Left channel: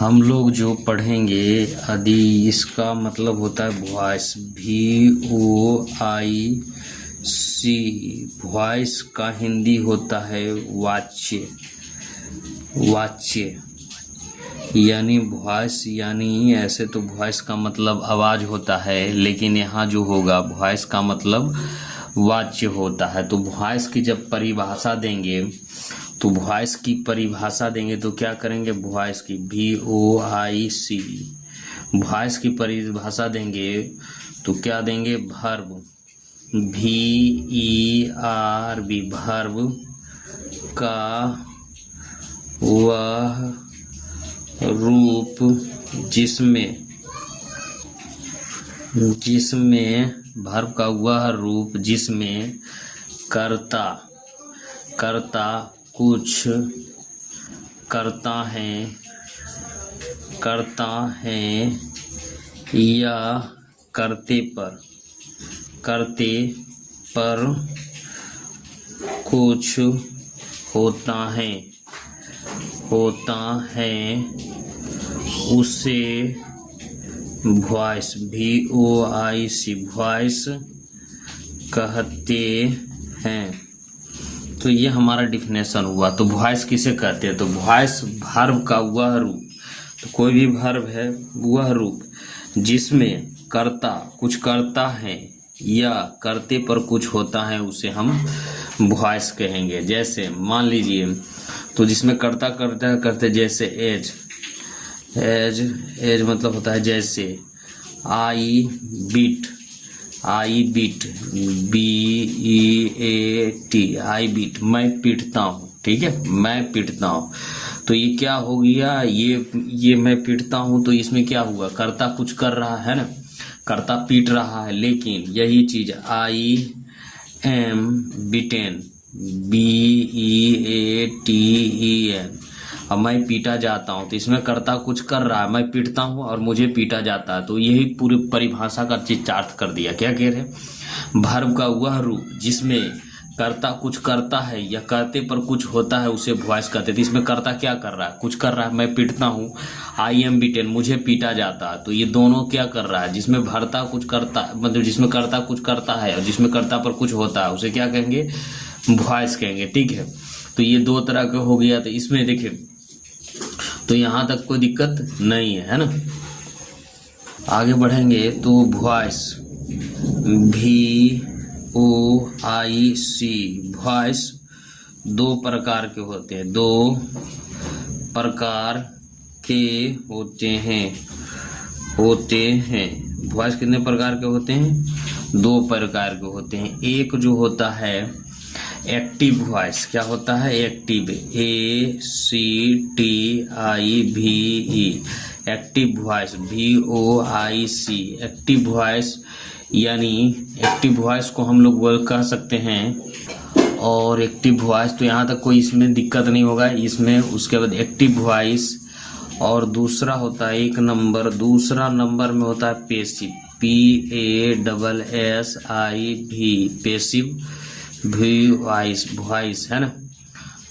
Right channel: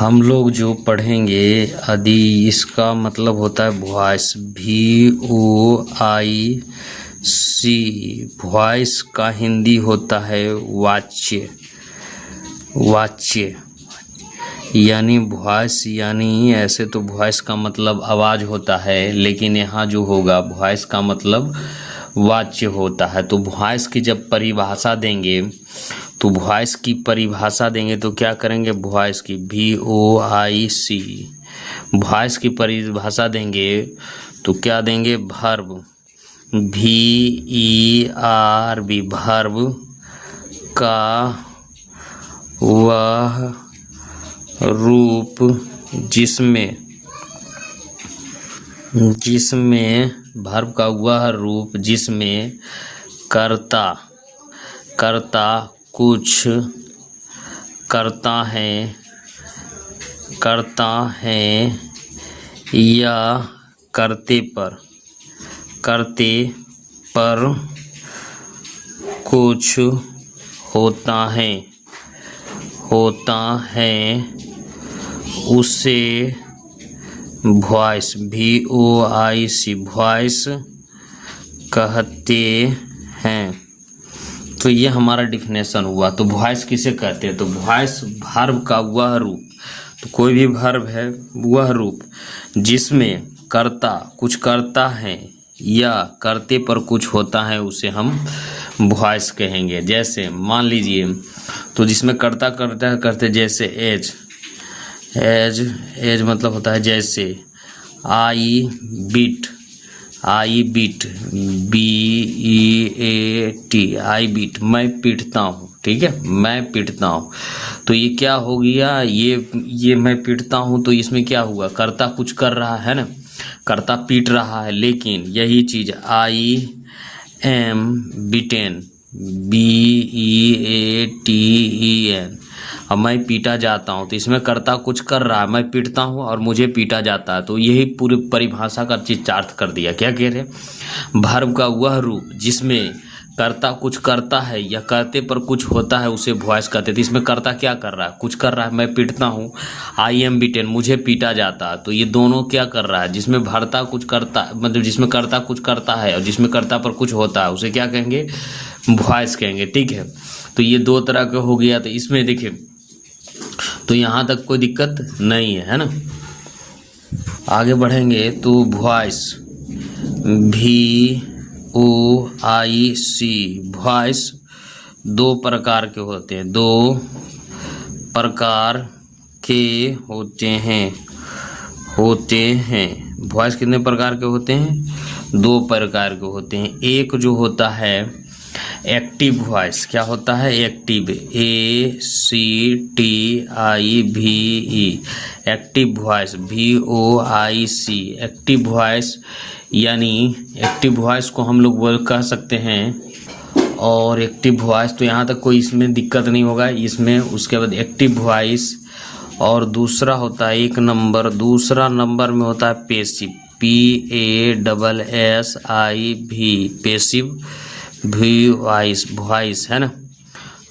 हम लोग जो पढ़ेंगे यदि इसका मतलब होता है वॉइस VOIC। वॉइस का हिंदी होता है वाच्य। वाच्य यानी वॉइस, यानी ऐसे तो वॉइस का मतलब आवाज़ होता है, लेकिन यहाँ जो होगा वॉइस का मतलब वाच्य होता है। तो वॉइस की जब परिभाषा देंगे तो वॉइस की परिभाषा देंगे तो क्या करेंगे, वॉइस की VOIC वॉइस की परिभाषा देंगे तो क्या देंगे, वर्ब VERB वर्ब का वह रूप जिसमें वर्ब का वह रूप जिसमें कर्ता कुछ करता है या करते पर कुछ होता है उसे वॉइस VOIC वॉइस कहते हैं। तो ये हमारा डिफिनेशन हुआ। तो वॉइस किसे कहते हैं, तो वॉइस वर्ब का वह रूप, तो कोई भी वर्ब है वह रूप जिसमें कर्ता कुछ करता है या करते पर कुछ होता है उसे हम वॉइस कहेंगे। जैसे मान लीजिए, तो जिसमें करता करते जैसे एज मतलब होता है जैसे I beat BEAT I beat, मैं पीटता हूँ। ठीक है, मैं पीटता हूँ। तो ये क्या हो गया, ये मैं पीटता हूँ, तो इसमें क्या हुआ, कर्ता कुछ कर रहा है ना, कर्ता पीट रहा है। लेकिन यही चीज आई एम बीटेन BEATEN, अब मैं पीटा जाता हूँ, तो इसमें कर्ता कुछ कर रहा है, मैं पीटता हूँ और मुझे पीटा जाता है। तो यही पूरी परिभाषा का चित्रार्थ कर दिया। क्या कह रहे, वर्ब का वह रूप जिसमें कर्ता कुछ करता है या करते पर कुछ होता है उसे वॉइस कहते हैं। तो इसमें कर्ता क्या कर रहा है, कुछ कर रहा है, मैं पीटता हूँ, आई एम बीटेन मुझे पीटा जाता है। तो ये दोनों क्या कर रहा है, जिसमें भरता कुछ करता, मतलब जिसमें कर्ता कुछ करता है और जिसमें कर्ता पर कुछ होता है उसे क्या कहेंगे, वॉइस कहेंगे। ठीक है, तो ये दो तरह का हो गया। तो इसमें देखिए, तो यहाँ तक कोई दिक्कत नहीं है ना। आगे बढ़ेंगे तो वॉइस VOIC वॉइस दो प्रकार के होते हैं, वॉइस कितने प्रकार के होते हैं, दो प्रकार के होते हैं। एक जो होता है एक्टिव वॉइस, क्या होता है active ACTIVE active voice VOIC active voice, यानी एक्टिव वॉइस को हम लोग कह सकते हैं। और एक्टिव वॉइस तो यहाँ तक कोई इसमें दिक्कत नहीं होगा इसमें। उसके बाद एक्टिव वॉइस और दूसरा होता है दूसरा नंबर में होता है पैसिव PASSIV पैसिव वॉइस है ना।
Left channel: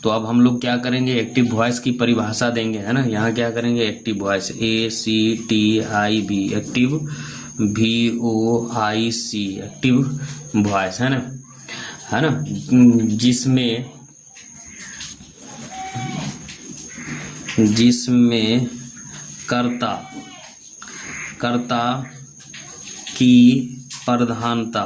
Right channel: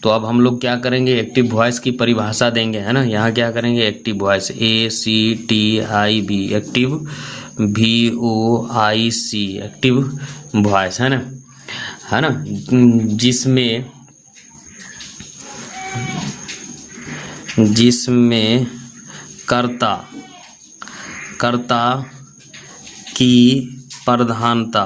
तो अब हम लोग क्या करेंगे, एक्टिव वॉइस की परिभाषा देंगे, है ना। यहाँ क्या करेंगे, active voice ACTIV active VOIC active voice, है ना, जिसमें कर्ता की प्रधानता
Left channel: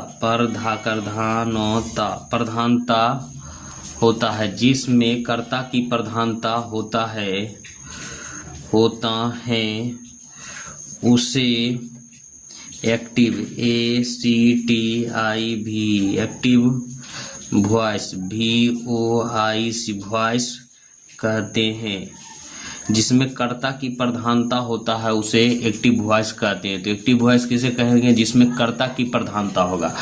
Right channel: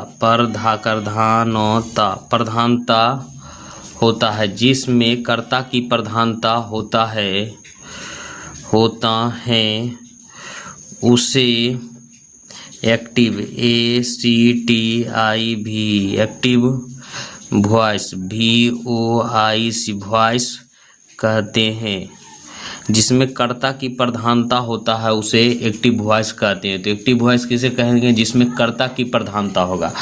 होता है, जिसमें कर्ता की प्रधानता होता है उसे active ACTIV active voice VOIC voice कहते हैं। जिसमें कर्ता की प्रधानता होता है उसे एक्टिव वॉइस कहते हैं। तो एक्टिव वॉइस किसे कहेंगे, जिसमें कर्ता की प्रधानता होगा।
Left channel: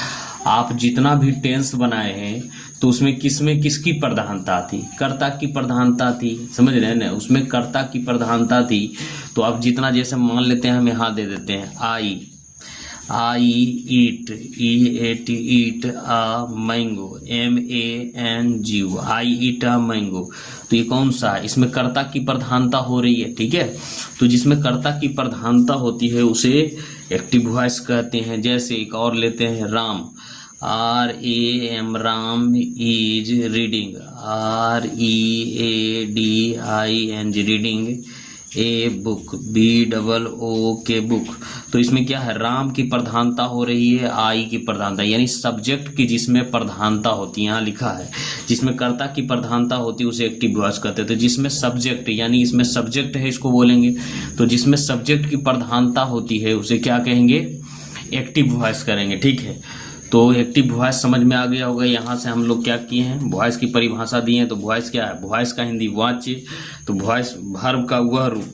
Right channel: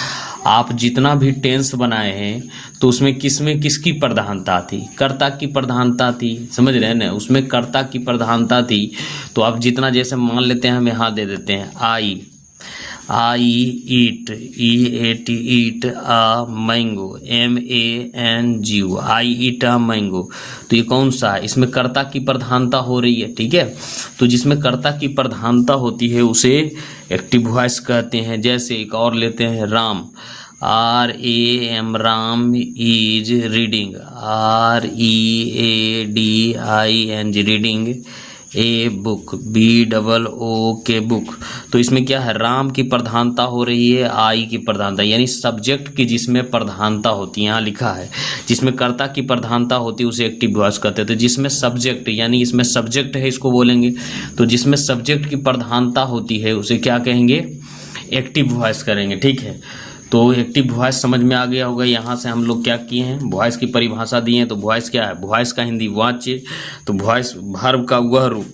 आप जितना भी टेंस बनाए हैं तो उसमें किसकी प्रधानता थी, कर्ता की प्रधानता थी, समझ रहे हैं ना, उसमें कर्ता की प्रधानता थी। तो आप जितना, जैसे मान लेते हैं हम यहाँ दे देते हैं आई eat, EAT eat a mango, MANGO, I eat a mango. तो ये कौन सा है? इसमें कर्ता की प्रधानता हो रही है, ठीक है। तो जिसमें कर्ता की प्रधानता होती है उसे एक्टिव वॉइस कहते हैं। जैसे एक और लेते हैं, Ram, RAM, Ram is reading, READING, reading a book, BOOK, book. तो इसमें क्या है? राम की प्रधानता हो रही है, आई की प्रधानता, यानी सब्जेक्ट की जिसमें प्रधानता होती है, यहाँ लिखा है जिसमें कर्ता की प्रधानता होती है उसे एक्टिव वॉइस कहते हैं। तो जिसमें सब्जेक्ट, यानी इसमें सब्जेक्ट है इसको बोलेंगे, तो जिसमें सब्जेक्ट की प्रधानता होती है उसे क्या कहेंगे? एक्टिव वॉइस करेंगे, ठीक है। तो एक्टिव वॉइस समझ में आ गया होगा। यहाँ से हम लोग क्या किए हैं? वॉइस की परिभाषा दी है। तो वॉइस क्या है? वॉइस का हिंदी वाच्य। तो वॉइस वर्ब का वह रूप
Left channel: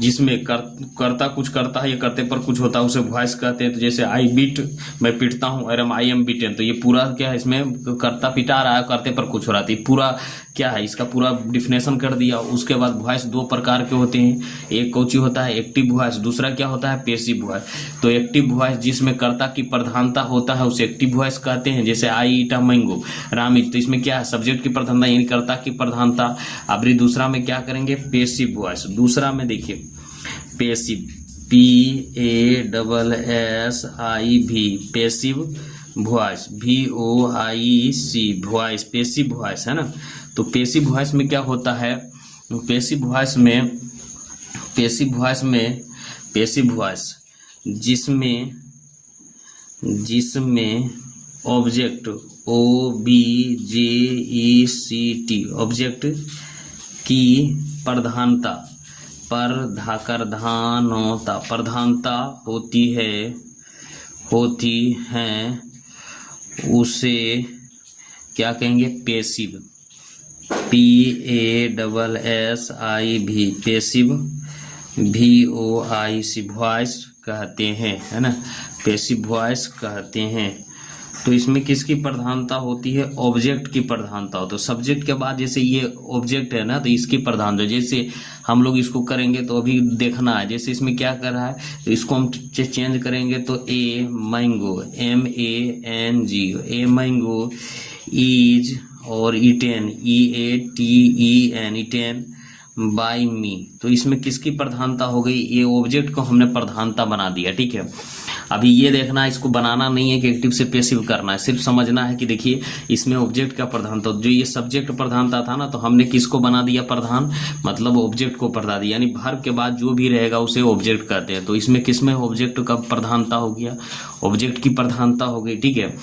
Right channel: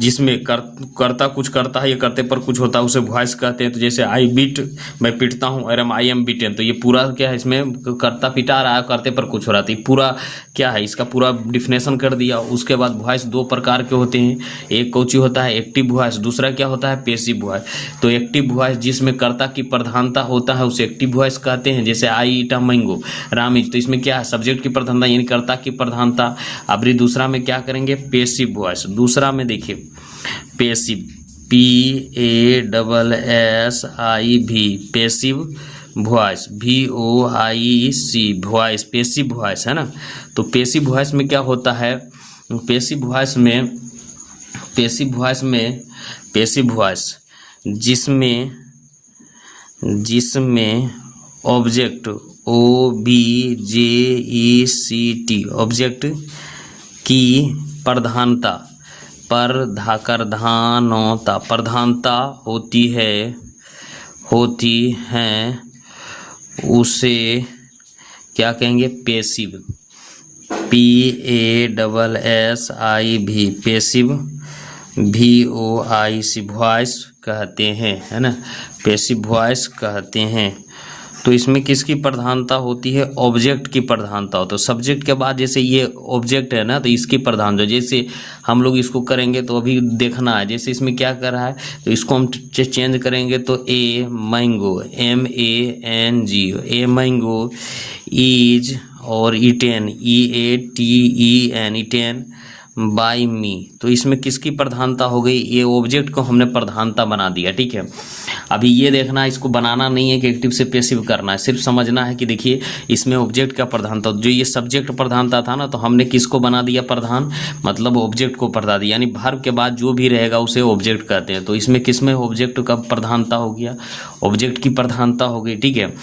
जिसमें करता कुछ करता है या करते पर कुछ होता है उसे वॉइस कहते हैं। तो जैसे आई बीट, मैं पीटता हूँ, और आई एम बीटन, तो ये पूरा क्या है? इसमें करता पिटा रहा है, करते पर कुछ हो रहा है। तो ये पूरा क्या है? इसका पूरा डिफिनेशन कर दिया। उसके बाद वॉइस दो प्रकार के होते हैं, एक कौची होता है? एक्टिव वॉइस, दूसरा क्या होता है? Passive voice. तो एक्टिव वॉइस जिसमें कर्ता की प्रधानता होता है उसे एक्टिव वॉइस कहते हैं। जैसे I eat a mango, Ram is, तो इसमें क्या है? सब्जेक्ट की प्रधानता यानी कर्ता की प्रधानता। अब दूसरा में क्या करेंगे? Passive voice. दूसरा में देखिए passive, PASSIV, passive voice, VOIC, voice, passive voice है ना। तो पैसिव वॉइस में क्या होता है? पैसिव वॉइस जिसमें ऑब्जेक्ट, OBJECT, ऑब्जेक्ट की प्रधानता होती है उसे क्या कहेंगे? Passive, PASSIV, passive, VOIC, voice कहते हैं, है ना, पैसिव वॉइस कहते हैं। तो इसमें किसकी प्रधानता होती है? ऑब्जेक्ट की प्रधानता हो। तो सब्जेक्ट के बाद जैसे ये ऑब्जेक्ट है ना, तो इसकी प्रधानता, जैसे हम लोग इसको करेंगे तो अभी देखना है, जैसे इसमें क्या कर रहा है, तो इसको हम चेंज करेंगे तो a mango, MANGO, a mango is, और ईटेन, EATEN, ईटेन बाय मी। तो इसमें किसकी प्रधानता हो गई? ये ऑब्जेक्ट को हमने प्रधानता बना दिया, ठीक है। अभी ये देखना है, इसको बनाना नहीं है कि एक्टिव से पैसिव करना है, सिर्फ समझना है कि देखिए इसमें ऑब्जेक्ट का प्रधानता, जो ये सब्जेक्ट प्रधानता था ना, तो हमने किसको बना दिया प्रधान? मतलब ऑब्जेक्ट को प्रधान दिया, यानी वर्ब के बाद जो भी रहेगा उसे ऑब्जेक्ट कहते हैं। तो इसमें किसमें ऑब्जेक्ट का प्रधानता हो गया? ऑब्जेक्ट की प्रधानता हो गई, ठीक है।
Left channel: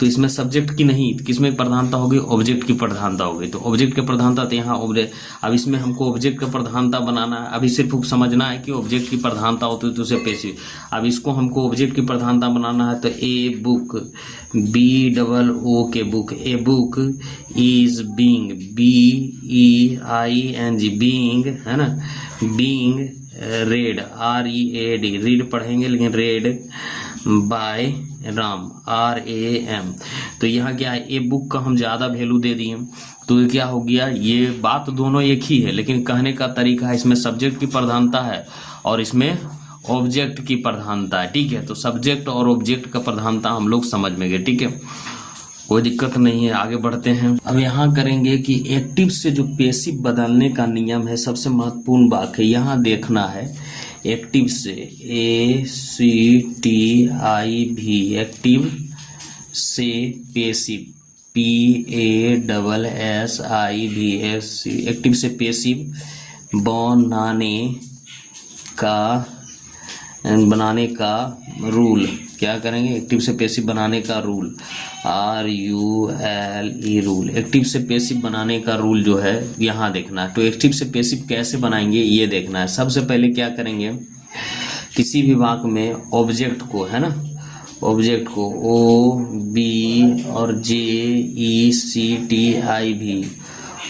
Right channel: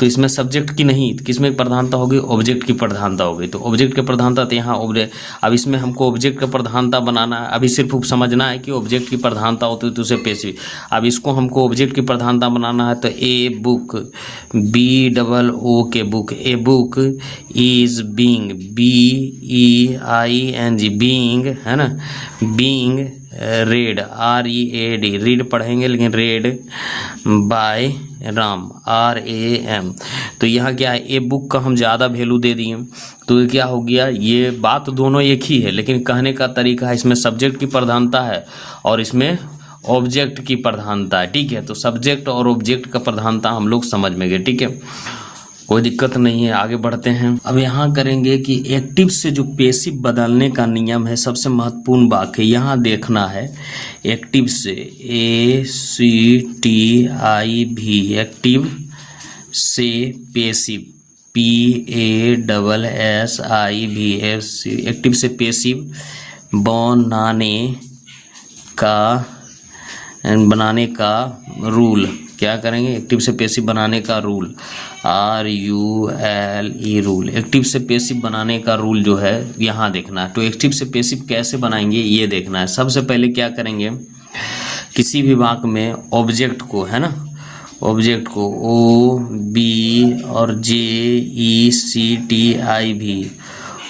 तो इसमें सब्जेक्ट की नहीं, किसमें प्रधानता होगी? ऑब्जेक्ट की प्रधानता हो गई। तो ऑब्जेक्ट की प्रधानता तो यहाँ ऑब्जेक्ट, अब इसमें हमको ऑब्जेक्ट का प्रधानता बनाना है। अभी सिर्फ समझना है कि ऑब्जेक्ट की प्रधानता होती है तो उसे पैसिव। अब इसको हमको ऑब्जेक्ट की प्रधानता बनाना है, तो a book, BOOK, book, a book is being, BEING, being, है ना, बीइंग रेड, READ, रीड पढ़ेंगे लेकिन रेड बाय राम, RAM। तो यहाँ क्या है? ए बुक का हम ज़्यादा वैल्यू दे दिए, तो ये क्या हो गया? ये बात दोनों एक ही है, लेकिन कहने का तरीका है, इसमें सब्जेक्ट की प्रधानता है और इसमें ऑब्जेक्ट की प्रधानता है, ठीक है। तो सब्जेक्ट और ऑब्जेक्ट का प्रधानता हम लोग समझ में गए, ठीक है, कोई दिक्कत नहीं है। आगे बढ़ते हैं। अब यहाँ करेंगे कि एक्टिव से जो पैसिव बदलने का नियम है, सबसे महत्वपूर्ण बात है यहाँ देखना है। एक्टिव से ACTIV, एक्टिव से पैसिव, PASSIV, एक्टिव से पैसिव बनाने का रूल, क्या करेंगे? एक्टिव से पैसिव बनाने का रूल, RULE, रूल। एक्टिव से पैसिव बनाने का रूल जो है यहाँ देखना है। तो एक्टिव से पैसिव कैसे बनाएंगे ये देखना है। सबसे पहले क्या करेंगे? किसी भी वाक्य में ऑब्जेक्ट को, है ना, ऑब्जेक्ट को OB और JECTIV,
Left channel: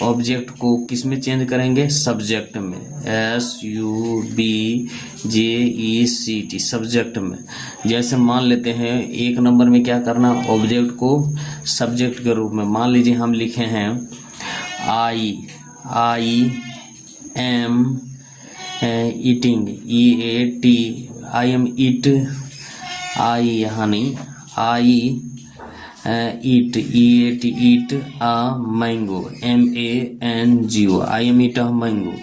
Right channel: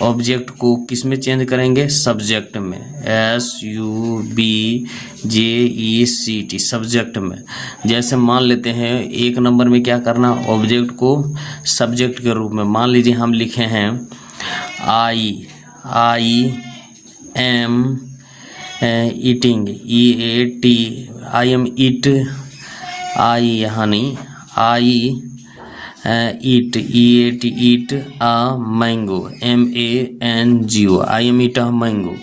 ऑब्जेक्ट को किस में चेंज करेंगे? सब्जेक्ट में, SUBJECT, सब्जेक्ट में। जैसे मान लेते हैं एक नंबर में क्या करना? ऑब्जेक्ट को सब्जेक्ट के रूप में, मान लीजिए हम लिखे हैं I am eating, EAT, I am eat I यहाँ नहीं, I eat, eat, eat a mango, MANGO, I am eat a mango.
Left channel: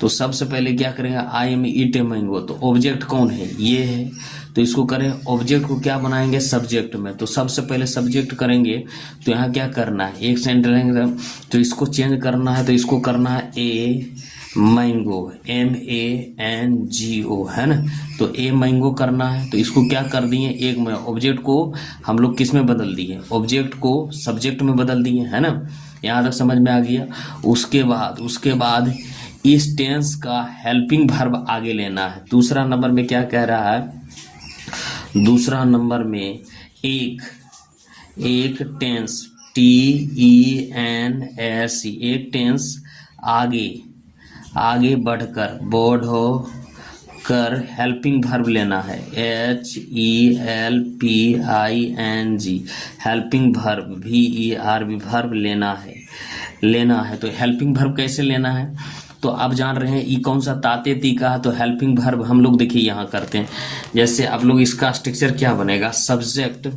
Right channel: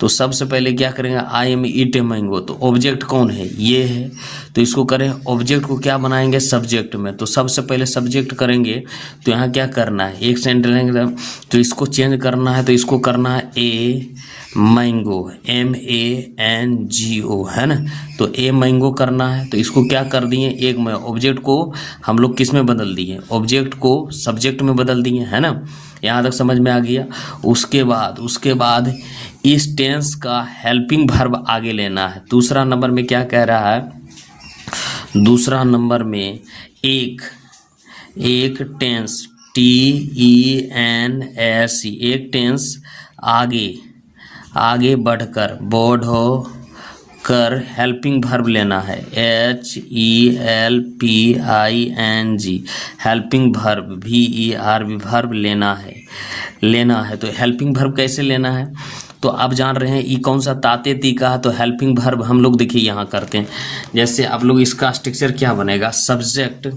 तो सबसे पहले क्या करेंगे, I am eat a mango, तो ऑब्जेक्ट कौन है, ये है, तो इसको करें ऑब्जेक्ट को क्या बनाएंगे सब्जेक्ट में, तो सबसे पहले सब्जेक्ट करेंगे। तो यहाँ क्या करना है, एक सेंटेंस, तो इसको चेंज करना है, तो इसको करना है ए मैंगो, MANGO, है ना। तो ए मैंगो करना है, तो इसको क्या कर दिए, एक में ऑब्जेक्ट को हम लोग किस में बदल दिए, ऑब्जेक्ट को सब्जेक्ट में बदल दिए, है ना। यहाँ तक समझ में आ गया। उसके बाद इस टेंस का हेल्पिंग वर्ब आगे लेना है। दूसरा नंबर में क्या कह रहा है, दूसरा नंबर में एक टेंस, TENS, एक टेंस आगे बढ़कर, बढ़ कर हेल्पिंग वर्ब लेना है, HELPING, helping verb, VERB, verb लेना है। तो हेल्पिंग वर्ब कैसे लेना है, तो आप जान रहे हैं, ई कौन सा, ताते ती का है, तो हेल्पिंग वर्ब हम लोग देखिए यहाँ करते हैं। जैसे आप लोग इसका स्ट्रक्चर क्या बनेगा, सब्जेक्ट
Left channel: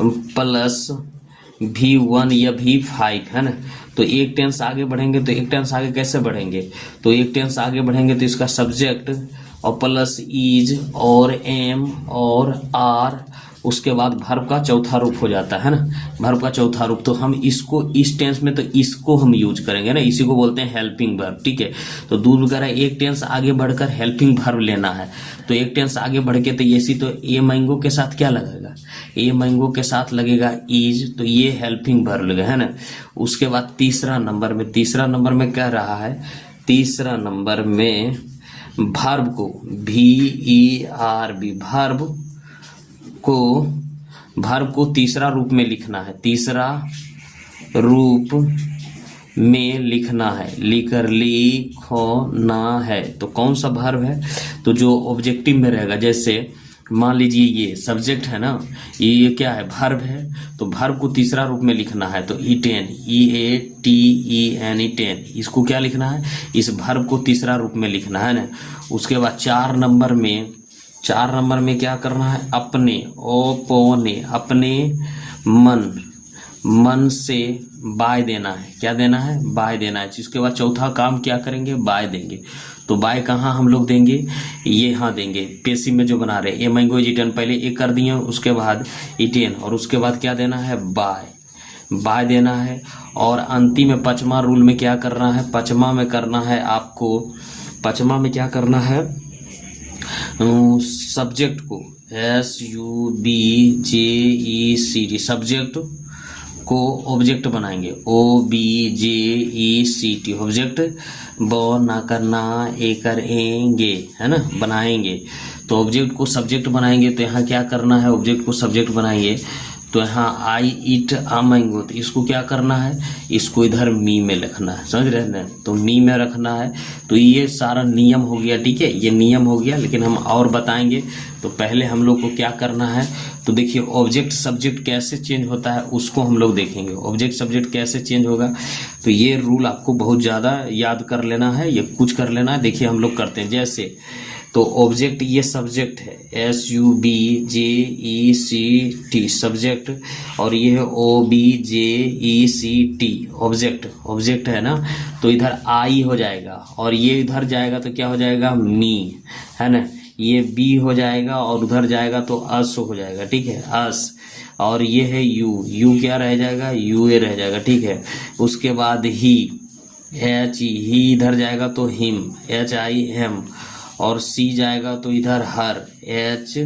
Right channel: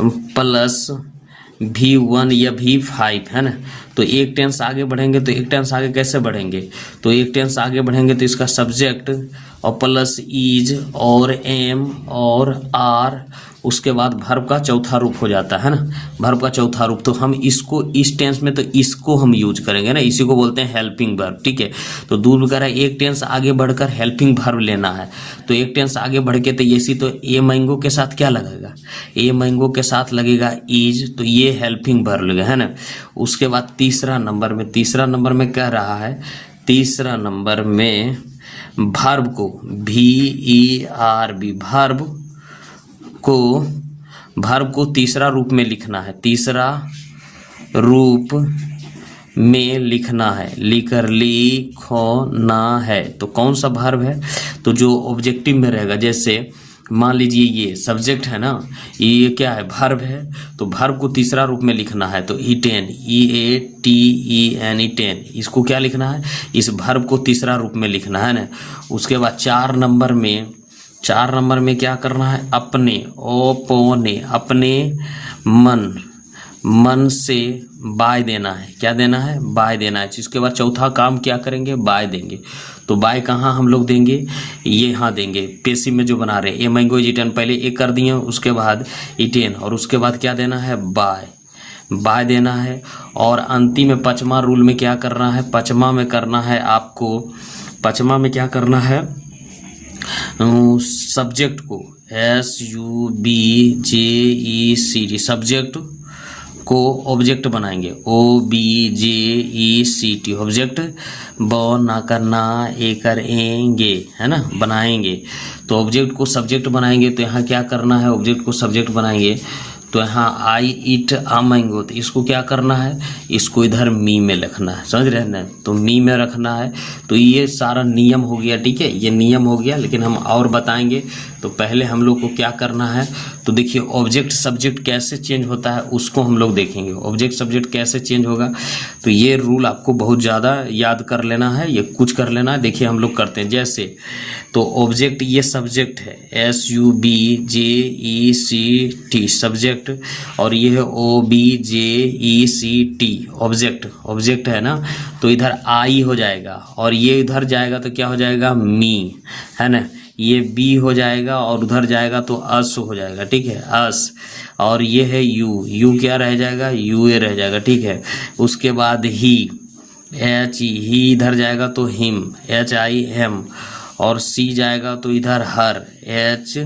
प्लस V1 या V5, है ना। तो एक टेंस आगे बढ़ेंगे, तो एक टेंस आगे कैसे बढ़ेंगे, तो एक टेंस आगे बढ़ेंगे तो इसका सब्जेक्ट और प्लस इज और एम और आर, उसके बाद वर्ब का चौथा रूप हो जाता है ना, वर्ब का चौथा रूप। तो हम इसको इस टेंस में, तो इसको हम यूज करेंगे ना, इसी को बोलते हैं हेल्पिंग वर्ब, ठीक है। तो दूर वगैरह एक टेंस आगे बढ़कर हेल्पिंग वर्ब लेना है, तो एक टेंस आगे बढ़ के, तो ऐसी, तो ए मैंगो के साथ क्या लगेगा, ए मैंगो के साथ लगेगा इज, तो ये हेल्पिंग वर्ब लगेगा, है ना। उसके बाद तीसरा नंबर में कह रहा है, तीसरा नंबर में वर्ब को, VERB, वर्ब को तीसरा रूप में लिखना है, तीसरा रूप में लिखना है, लिखना है। तो कौन सा वर्ब है, तो जो ऑब्जेक्टिव में रहेगा, जैसे मान लीजिए ये सब्जेक्ट है ना, ये क्या है, वर्ब है, तो वर्ब को तीसरा रूप में लिखना है, तो ईटेन, EATEN, ईटेन, इसको क्या लिखना है, इस वर्ब को तीसरा रूप में लिखना है ना। उसके बाद चार नंबर में क्या करना है, अपने मन से बाय देना है, क्या देना है, बाय देना है। इसके बाद चौथा काम क्या करेंगे, बाय देंगे। तो बाय कहाँ हम लोग देंगे, ये यहाँ देंगे, पेशी में जो बना रहे हैं, ये मैंगो इज ईटन, पहले एक कर दिए, उसके बाद ईटेन, और उसके बाद क्या देना है, बाय देना है। और अंतिम में पचमा रूल में क्या करना है, पचमा में करना है आपको, पचमा में क्या करना है, सब्जेक्ट को SUBJECT, सब्जेक्ट को ऑब्जेक्ट बनाएंगे, OBJECT, ऑब्जेक्ट बना करना ए करेंगे, है ना, बनाएंगे। तो ऑब्जेक्ट को सब्जेक्ट बनाएंगे, तो यहाँ क्या करना है, ऑब्जेक्ट को सब्जेक्ट बनाएंगे, तो यहाँ आई ईट आ मैंगो, तो इसको क्या करना है, इसको इधर मी में रखना है, समझ रहे हैं ना, तो मी में रखना है। तो ये सारा नियम हो गया, ठीक है, ये नियम हो गया, लेकिन हम और बताएंगे। तो पहले हम लोग को क्या करना है, तो देखिए ऑब्जेक्ट सब्जेक्ट कैसे चेंज होता है उसको हम लोग देखेंगे, ऑब्जेक्ट सब्जेक्ट कैसे चेंज होगा। तो ये रूल आपको बहुत ज़्यादा याद कर लेना है, ये कुछ कर लेना है। देखिए हम लोग करते हैं, जैसे तो ऑब्जेक्ट, ये सब्जेक्ट है SUBJECT, सब्जेक्ट, और ये है OBJECT, ऑब्जेक्ट है ना। तो इधर आई हो जाएगा, और ये इधर जाएगा तो क्या हो जाएगा, मी, है ना, ये बी हो जाएगा, और उधर जाएगा तो अस हो जाएगा, ठीक है, अस। और ये है यू क्या रह जाएगा, यूए रह जाएगा, ठीक है। उसके बाद ही इधर जाएगा तो हिम, HI हेम, और सी जाएगा तो इधर हर, H,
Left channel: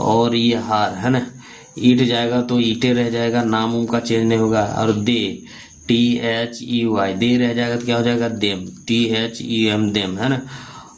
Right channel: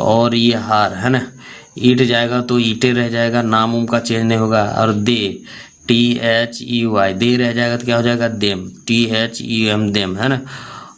और ये हार, है ना। ईट जाएगा तो ईटे रह जाएगा, नाम का चेंज नहीं होगा। और दे, THEY, दे रह जाएगा तो क्या हो जाएगा, देम, THEM, देम, है ना।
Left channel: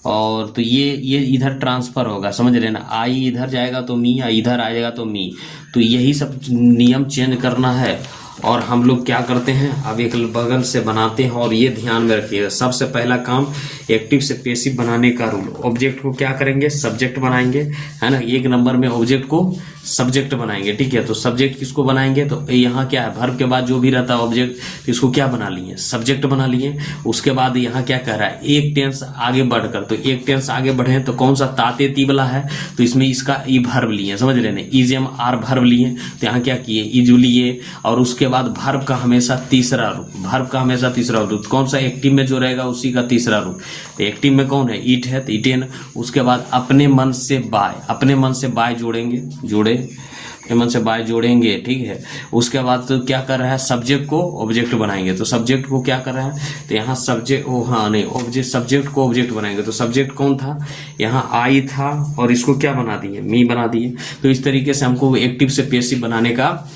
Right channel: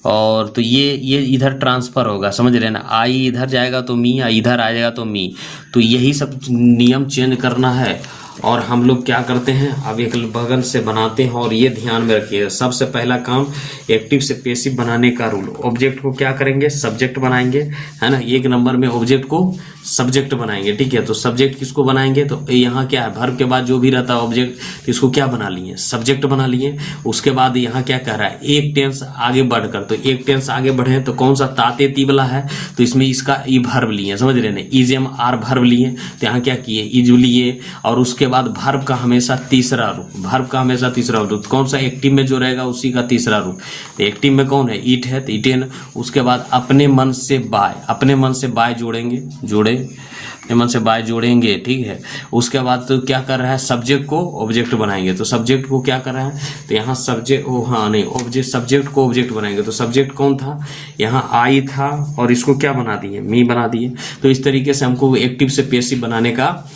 और तो ये इधर ट्रांसफर होगा, समझ रहे ना, आई इधर जाएगा तो मी, इधर आ जाएगा तो मी। तो यही सब नियम चेंज करना है, और हम लोग क्या करते हैं, अब एक बगल से बनाते हैं। और ये ध्यान में रखिएगा, सबसे पहला काम एक्टिव से पेसिव बनाने का रूल। ऑब्जेक्ट को क्या करेंगे, सब्जेक्ट बनाएंगे, है ना। एक नंबर में ऑब्जेक्ट को सब्जेक्ट बनाएंगे, ठीक है। तो सब्जेक्ट किसको बनाएंगे, तो यहाँ क्या है, वर्ब के बाद जो भी रहता है ऑब्जेक्ट, तो इसको क्या बना लिए, सब्जेक्ट बना लिए। उसके बाद यहाँ क्या कह रहा है, एक टेंस आगे बढ़कर, तो एक टेंस आगे बढ़े तो कौन सा, ताते ती वाला है, तो इसमें इसका ई वर्ब लिए, समझ रहे ना, इज एम आर वर्ब लिए। तो यहाँ क्या किए, इज लिए। और उसके बाद वर्ब का हमेशा तीसरा रूप, वर्ब का हमेशा तीसरा रूप कौन सा, एक्टिव में जो रहेगा उसी का तीसरा रूप। तो एक्टिव में कौन है, ईट है, तो ईटेन। उसके बाद अपने मन से बाय, अपने मन से बाय जोड़ेंगे, अपने मन से बाय जोड़ेंगे, ठीक है। उसके बाद तो क्या कर रहा है, सब्जेक्ट को ऑब्जेक्ट बनाएंगे। तो सब्जेक्ट को क्या कर रहा है, तो यहाँ सब्जेक्ट, हाँ नहीं, ऑब्जेक्ट, सब्जेक्ट को ऑब्जेक्ट बनाएंगे। तो सब्जेक्ट कौन था, यहाँ आई था, और इसको क्या बना दिए, मी बना दिए। तो इस तरीके से हमको एक्टिव से पैसिव बनाने का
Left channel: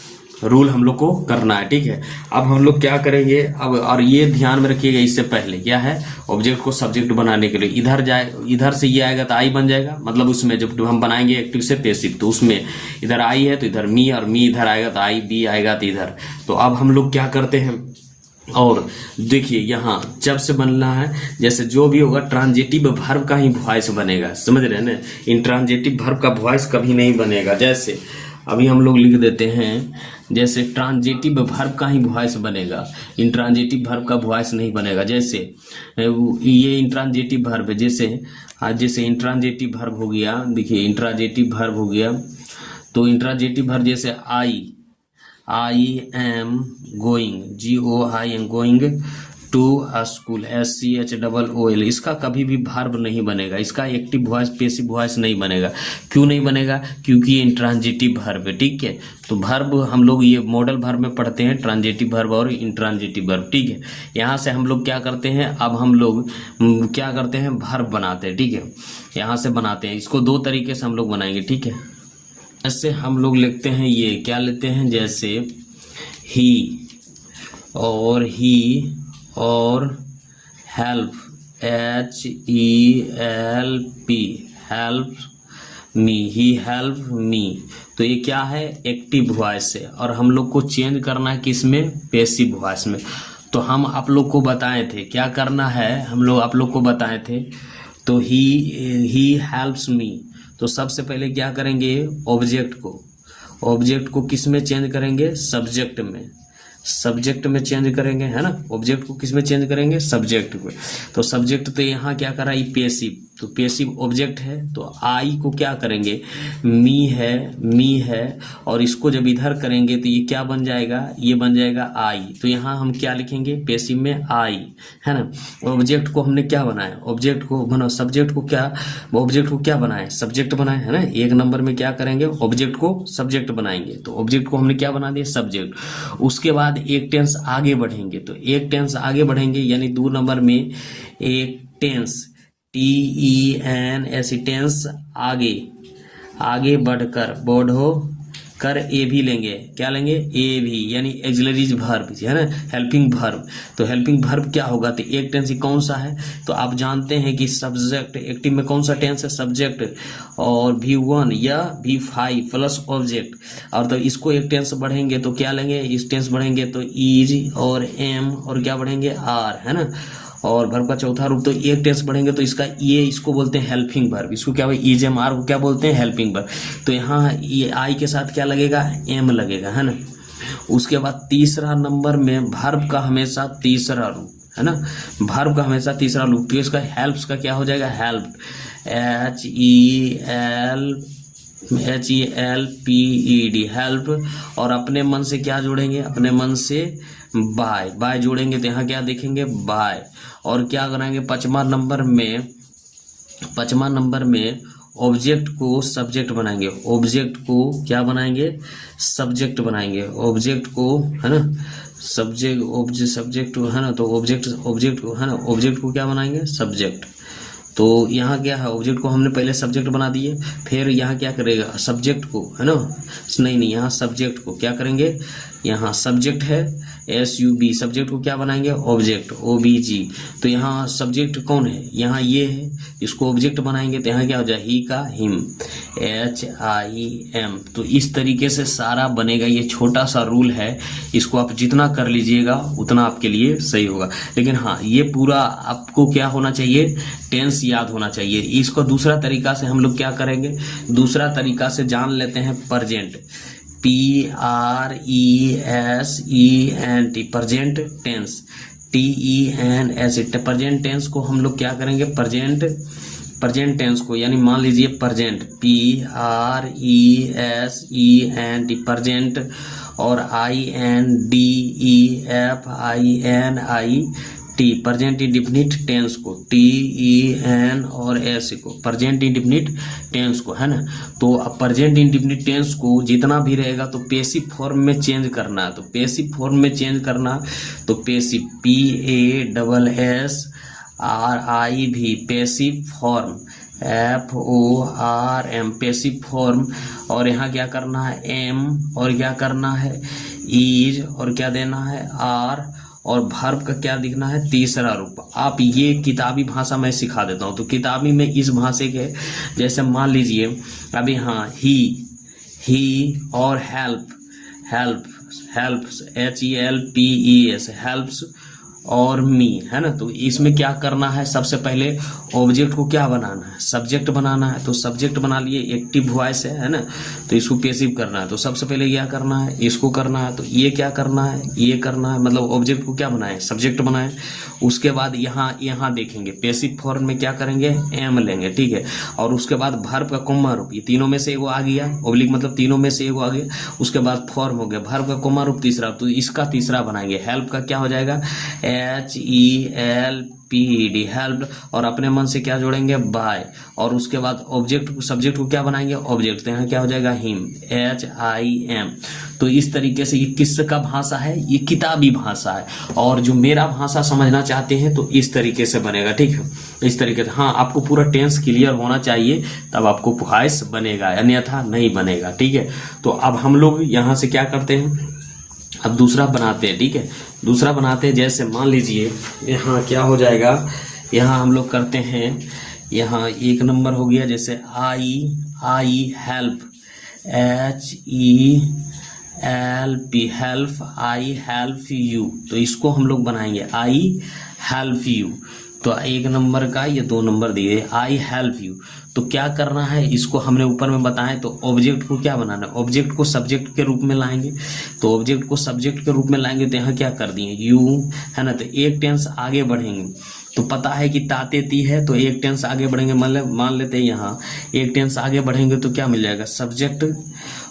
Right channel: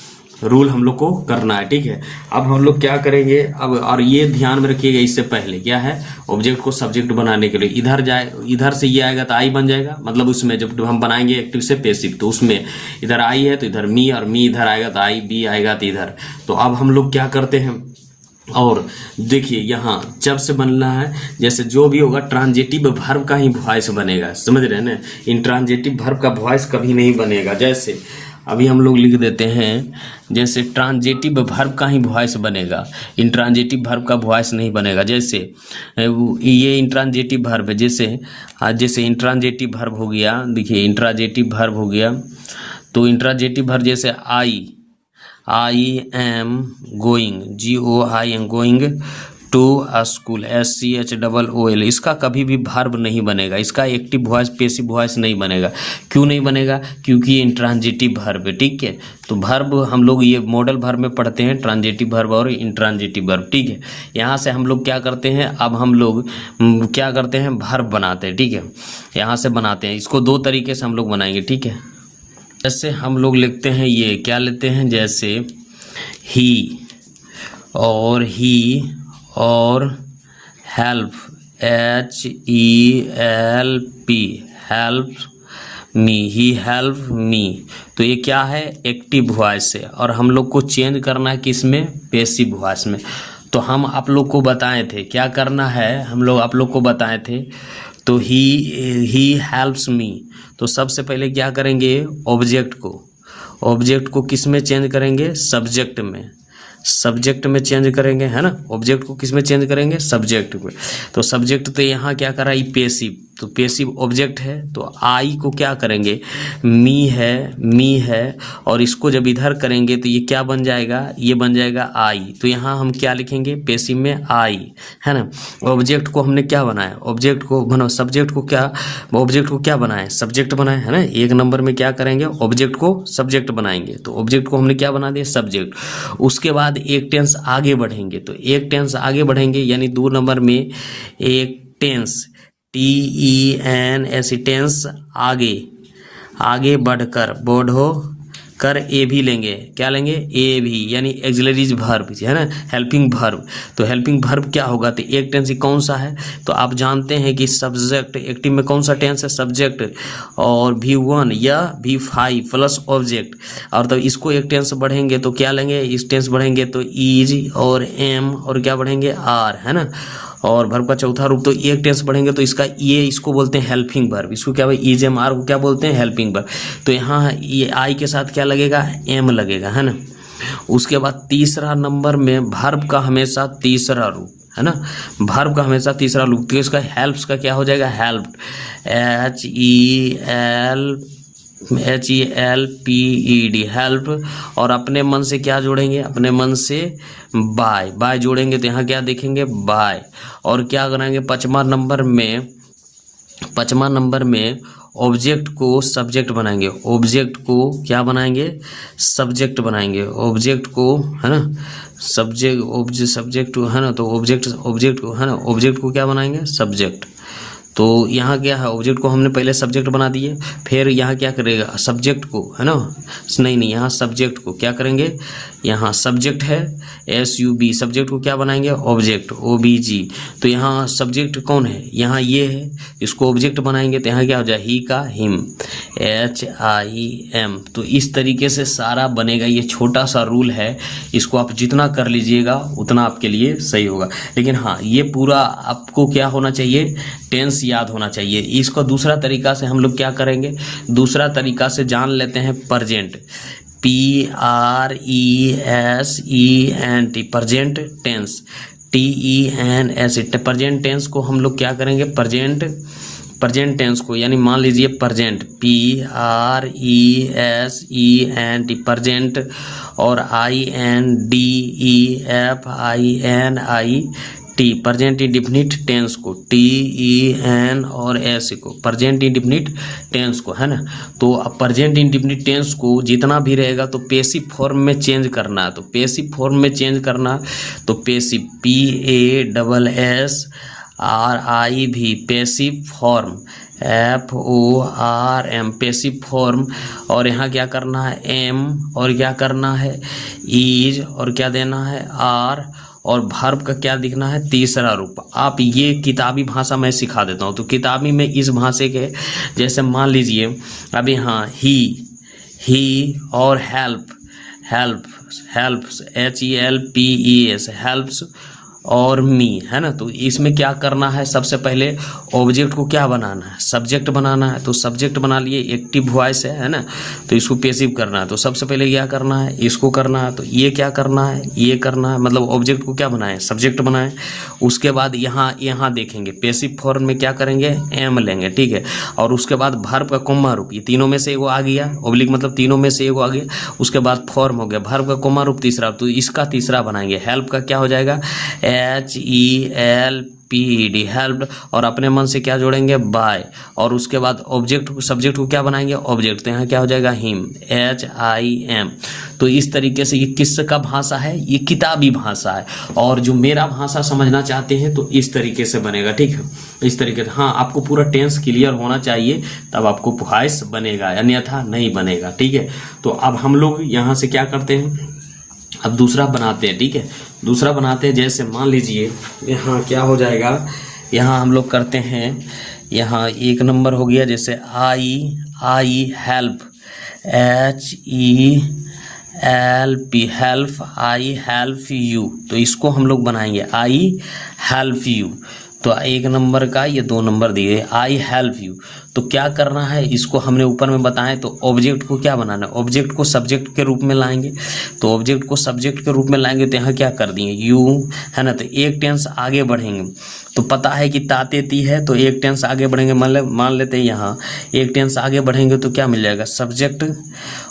रूल हम लोग को करना है, ठीक है। अब हम लोग क्या करेंगे, अब और ये ध्यान में रखिएगा, इससे पहले क्या है, ऑब्जेक्ट को सब्जेक्ट बनाने के लिए इधर जाए, इधर से ये आएगा तो आई बन जाएगा, मतलब उसमें जब हम बनाएंगे एक्टिव से पैसिव, तो उसमें इधर आई है तो इधर मी, और मी इधर आएगा तो आई, बी आएगा तो इधर। तो अब हम लोग क्या करते हैं, और देखिए यहाँ जब से बनना है, जैसे जो भी होगा ट्रांजिटिव वर्ब का ही वॉइस बनेगा, समझ रहे हैं ना। इंट्रांजिटिव वर्ब का वॉइस कभी नहीं बनेगा। जैसे अभी हम लोग लिख देते हैं, जैसे ट्रांजिटिव वर्ब का ही वॉइस बनेगा, इंट्रांजिटिव वर्ब का वॉइस नहीं बनेगा। जैसे ये इंट्रांजिटिव वर्ब है, जैसे इंट्रांजिटिव वर्ब हो गया, देखिए इंट्रांजिटिव वर्ब हो गया, तो इंट्रांजिटिव वर्ब जैसे I am going, GOING, going to school, SCHOOL, इसका कभी भी वर्ब नहीं बनेगा, इसका एक्टिव वॉइस पैसिव वॉइस नहीं बनेगा। क्यों नहीं बनेगा, क्योंकि इंट्रांजिटिव वर्ब है, ठीक है। तो वर्ब हम लोग ये मॉडल वर्ब में पढ़ते हैं, ट्रांजिटिव वर्ब और इंट्रांजिटिव वर्ब, ठीक है। यहाँ से हम लोग क्या करते हैं, अब हम लोग क्या करते हैं, वर्ब बनाते हैं, ठीक है। यहाँ से बनाते हैं, इसको दो तरीके से हम लोग बनाएंगे, ठीक है। जैसे हम लोग लिखते हैं, ये क्या लेते हैं, जैसे ही और हेल्प, HELP, हेल्प मी, ही हेल्प मी। तो ये क्या है, एक्टिव वॉइस है, और हम लोग को चेंज करना है किसमें, पैसिव वॉइस में। तो हम आप लोग को बताए थे क्या करना है, हम लोग आप लोग को बताए थे। तो ही हेल्प्स मी, तो सबसे पहले क्या करेंगे, ऑब्जेक्ट को किस में चेंज करेंगे, सब्जेक्ट में चेंज करेंगे, है ना। ऑब्जेक्ट को किस में चेंज करेंगे, सब्जेक्ट में। तो सब्जेक्ट तो यहाँ क्या कर रहा है, पैसिव, तो पैसिव ऑब्जेक्ट है, तो आई को क्या करेंगे, मी है, और इसको जब इधर करेंगे तो ये क्या बन जाएगा, ये बन जाएगा आई। तो यहाँ हम क्या लिखेंगे, पैसिव में आई, है ना। ऑब्जेक्ट को हमने क्या बनाया, ऑब्जेक्ट को क्या बनाए, सब्जेक्ट बनाए, है ना। एक नंबर में क्या करेंगे, ऑब्जेक्ट को सब्जेक्ट बनाएंगे, तो ऑब्जेक्ट को हमने क्या बना दिया, सब्जेक्ट। उसके बाद एक टेंस आगे बढ़ेंगे, तो एक टेंस आगे बढ़ेंगे, यानी 2 नंबर में एक टेंस, TENS, टेंस आगे बढ़कर, कर ए भी लेंगे, क्या लेंगे, ए भी, यानी एक्सिलरीज वर्ब, है ना, हेल्पिंग वर्ब। तो हेल्पिंग वर्ब क्या होगा, तो एक टेंस कौन सा है, तो आप जानते हैं कि सब्जेक्ट, एक्टिव में कौन सा टेंस है, सब्जेक्ट, और V1 या V5 प्लस ऑब्जेक्ट। और तब इसको एक टेंस बढ़ेंगे तो क्या लेंगे, इस टेंस बढ़ेंगे तो इज और एम, और क्या बढ़ेंगे, आर, है ना। और वर्ब का चौथा रूप, तो एक टेंस बढ़ेंगे तो इसको बोलते हैं हेल्पिंग वर्ब, इसको क्या, इज एम आर को क्या बोलते हैं, हेल्पिंग वर्ब। तो यहाँ ये आई के साथ क्या लगेगा, एम लगेगा, है ना। उसके बाद तीसरा नंबर में वर्ब का हमेशा तीसरा रूप, है ना, वर्ब का हमेशा तीसरा रूप, तो इसका हेल्प्स का क्या हो जाएगा, हेल्प, HELPED, हेल्प। और अपने मन से क्या जोड़ेंगे, अपने मन से बाय जोड़ेंगे, तो यहाँ क्या देखेंगे, बाय। और क्या करेंगे, पाँचवा नंबर में ऑब्जेक्ट को सब्जेक्ट बनाएंगे, ऑब्जेक्ट को क्या बनाएंगे, सब्जेक्ट बनाएंगे, ऑब्जेक्ट को, है ना, सब्जेक्ट, है ना। तो ऑब्जेक्ट को, है ना, ऑब्जेक्ट को क्या बनाएंगे, सब्जेक्ट। तो यहाँ क्या है, ऑब्जेक्ट को हमने पहले सब्जेक्ट बना दिए, फिर यहाँ क्या करेगा, सब्जेक्ट को, है ना, नहीं, यहाँ सब्जेक्ट को क्या करेंगे, यहाँ सब्जेक्ट है SUB, सब्जेक्ट को क्या बनाएंगे, ऑब्जेक्ट, OBG। तो यहाँ सब्जेक्ट कौन है, यहाँ ये है, इसको ऑब्जेक्ट बनाएंगे तो यहाँ क्या हो जाए, ही का हिम, HIM। तो इस तरीके से सारा बनेगा। ये छोटा सा रूल है, इसको आप जितना कर लीजिएगा उतना आपके लिए सही होगा। लेकिन हाँ, ये पूरा आपको क्या होना चाहिए, टेंस याद होना चाहिए। इसको दूसरा तरीका से हम लोग क्या करेंगे, दूसरा तरीका से जान लेते हैं present, PRESENT, present tense, TENS। Present tense को हम लोग क्या करेंगे, प्रेजेंट टेंस को, यानी मान लीजिए प्रेजेंट, PRESENT प्रेजेंट, और INDEFINIT प्रेजेंट इंडिफिनिट टेंस को, TEN और S को, प्रेजेंट इंडिफिनिट टेंस को, है ना। तो अब प्रेजेंट इंडिफिनिट टेंस को जितना भी रहेगा तो पेसिव फॉर्म में चेंज करना है। तो पेसिव फॉर्म में चेंज करना, तो passive, PASSRIV passive form, FORM passive form. और यहाँ क्या करना है, M, और क्या करना है, इज, और क्या देना है, R, और वर्ब का क्या दिखना है, तीसरा रूप। आप ये किताबी भाषा मैं सिखा देता हूँ। तो किताबी में इस भाषा के, जैसे मान लीजिए अब यहाँ ही और हेल्प HELPES हेल्प्स और मी, है ना। तो इसमें क्या करना है, सबसे पहले ऑब्जेक्ट को क्या बनाना है, सब्जेक्ट बनाना है। तो सब्जेक्ट बना लिए, एक्टिव वॉइस है ना, तो इसको पेसिव करना है। तो सबसे पहले क्या करना है, इसको करना है। तो ये क्या करना है, ये करना है, मतलब ऑब्जेक्ट को क्या बनाए, सब्जेक्ट बनाए। उसके बाद यहाँ देखेंगे पेसिव फॉर्म में क्या करेंगे, एम लेंगे, ठीक है। और उसके बाद वर्ब का कॉमा रूप, ये तीनों में से एगो आ गया, ऑब्लिक मतलब तीनों में से एगो आ गया। उसके बाद फॉर्म हो गया, वर्ब का कॉमा रूप तीसरा, तो इसका तीसरा बनाएंगे। हेल्प का क्या हो जाएगा, HELPED हेल्प्ड, और अपने मन से क्या जोड़ेंगे, बाय। और उसके बाद ऑब्जेक्ट सब्जेक्ट को क्या बनाएंगे, ऑब्जेक्ट, तो यहाँ क्या हो जाएगा, हिम, HIM। तो इस तरीके से ये किसका भाषा है, ये किताबी भाषा है। और जो मेरा भाषा समझना चाहते हैं तो इस तरीके से बनेगा, ठीक है, इस तरीके से। हाँ, आपको पूरा टेंस क्लियर होना चाहिए, तब आपको वॉइस बनेगा, अन्यथा नहीं बनेगा, ठीक है। तो अब हम लोग यहाँ से क्या करते हैं, अब दूसरा बनाते हैं, ठीक है। दूसरा बनाते हैं, जैसे मान लीजिए यहाँ क्या हो जाएगा, यहाँ हम लोग करते हैं, यहाँ एक नंबर हो गया, जैसे I help, HELP help, I help you. तो इसको हम लोग बनाएंगे, आई हेल्प यू। तो एक नंबर का ये 2 नंबर दिए, आई हेल्प यू। तो क्या करना है, इसको हमने ऊपर में बताएं। तो ऑब्जेक्ट को क्या बनाना है, ऑब्जेक्ट को सब्जेक्ट के रूप में लाएंगे। तो ऑब्जेक्ट को सब्जेक्ट के रूप में लाएंगे, तो यहाँ क्या कर दिए, यू, है ना। तो एक टेंस आगे बढ़ेंगे, तो पता है कि ताते ती है, तो एक टेंस आगे बढ़ेंगे, मान लेते हैं यहाँ एक टेंस आगे बढ़ेंगे तो क्या मिल जाएगा, सब्जेक्ट,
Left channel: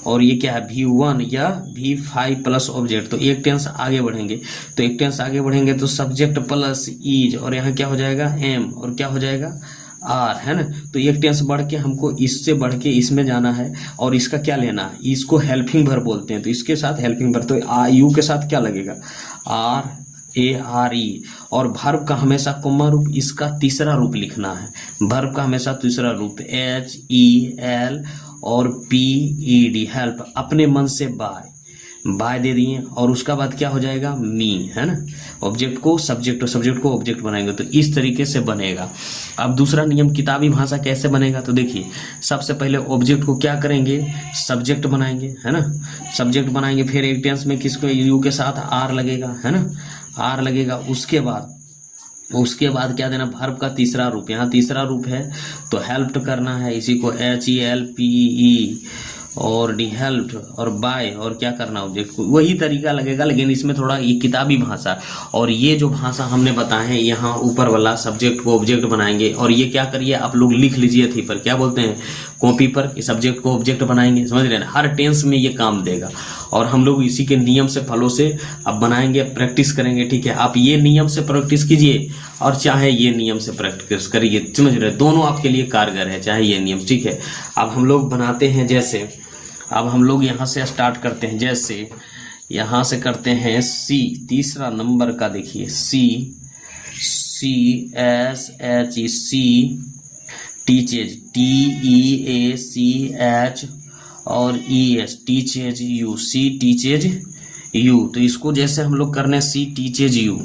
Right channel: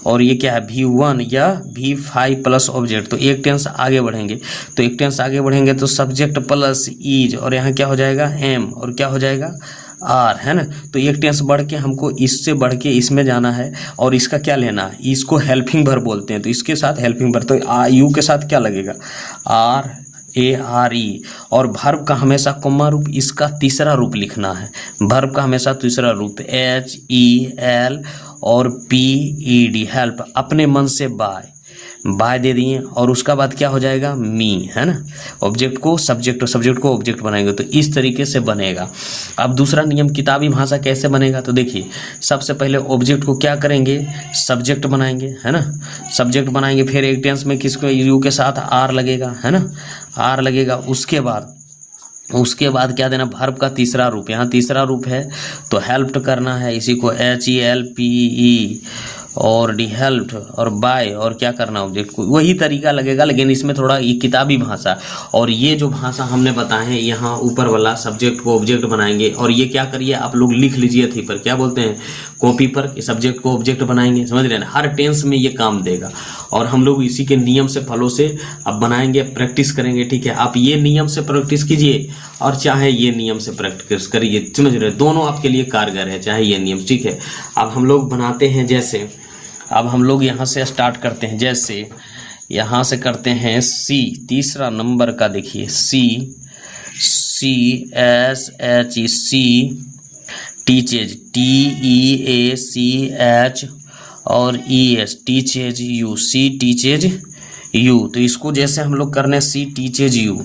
और ये क्या है, V1 या V5 प्लस ऑब्जेक्ट। तो एक टेंस आगे बढ़ेंगे, तो एक टेंस आगे बढ़ेंगे तो सब्जेक्ट प्लस इज, और यहाँ क्या हो जाएगा, M, और क्या हो जाएगा, R, है ना। तो एक टेंस बढ़ के हमको इससे बढ़ के इसमें जाना है, और इसका क्या लेना है, इसको हेल्पिंग वर्ब बोलते हैं। तो इसके साथ हेल्पिंग वर्ब, तो यू के साथ क्या लगेगा, RARE। और वर्ब का हमेशा कॉमा रूप, इसका तीसरा रूप लिखना है, वर्ब का हमेशा तीसरा रूप, HEL और PED हेल्प, अपने मन से बाय दे दिए। और उसका बाद क्या हो जाएगा, मी, है ना। ऑब्जेक्ट को सब्जेक्ट, सब्जेक्ट को ऑब्जेक्ट बनाएंगे, तो इस तरीके से बनेगा। अब दूसरा नियम किताबी भाषा कैसे बनेगा, तो देखिए सबसे पहले ऑब्जेक्ट को क्या करेंगे, सब्जेक्ट बनाएंगे, है ना, सब्जेक्ट बनाएंगे। फिर एक टेंस में किसको, यू के साथ R लगेगा, है ना, R लगेगा। उसके बाद क्या देना, वर्ब का तीसरा रूप, यहाँ तीसरा रूप है तो हेल्प्ड करना है, इसी को HELPE, और डी हेल्प्ड, और बाय, और क्या करना, ऑब्जेक्ट को। वही तरीका लगेगा, लेकिन इसमें थोड़ा ये किताबी भाषा। और ये जो भाषा हमने बताए हैं, यहाँ ऊपर वाला सब्जेक्ट को ऑब्जेक्ट बनाएंगे, और ये क्या करिए आप लोग लिख लीजिए थी पर, क्या बोलते हैं, कॉपी पर, सब्जेक्ट को ऑब्जेक्ट बनाएंगे, समझ रहे हैं, हर टेंस में ये काम देगा। और हम लोग इसी के नियम से फलों से अब बनाएंगे, प्रैक्टिस करेंगे, ठीक है। आप ये नियम से प्रैक्टिस कीजिए और चाहे ये नियम से प्रैक्टिस करिए, समझ रहे हैं, दोनों आपके लिए कारगर है, चाहे ये नियम, ठीक है। अब हम लोग बनाते हैं, जैसे अब हम लोग यहाँ से स्टार्ट करते हैं, जैसे यहाँ से करते हैं C, तीसरा नंबर का देखिए, CSHE, टीचेज, TEACH और ES, teaches you, C teaches you. तो इसको जैसे हम लोग करने C टीचेज यू,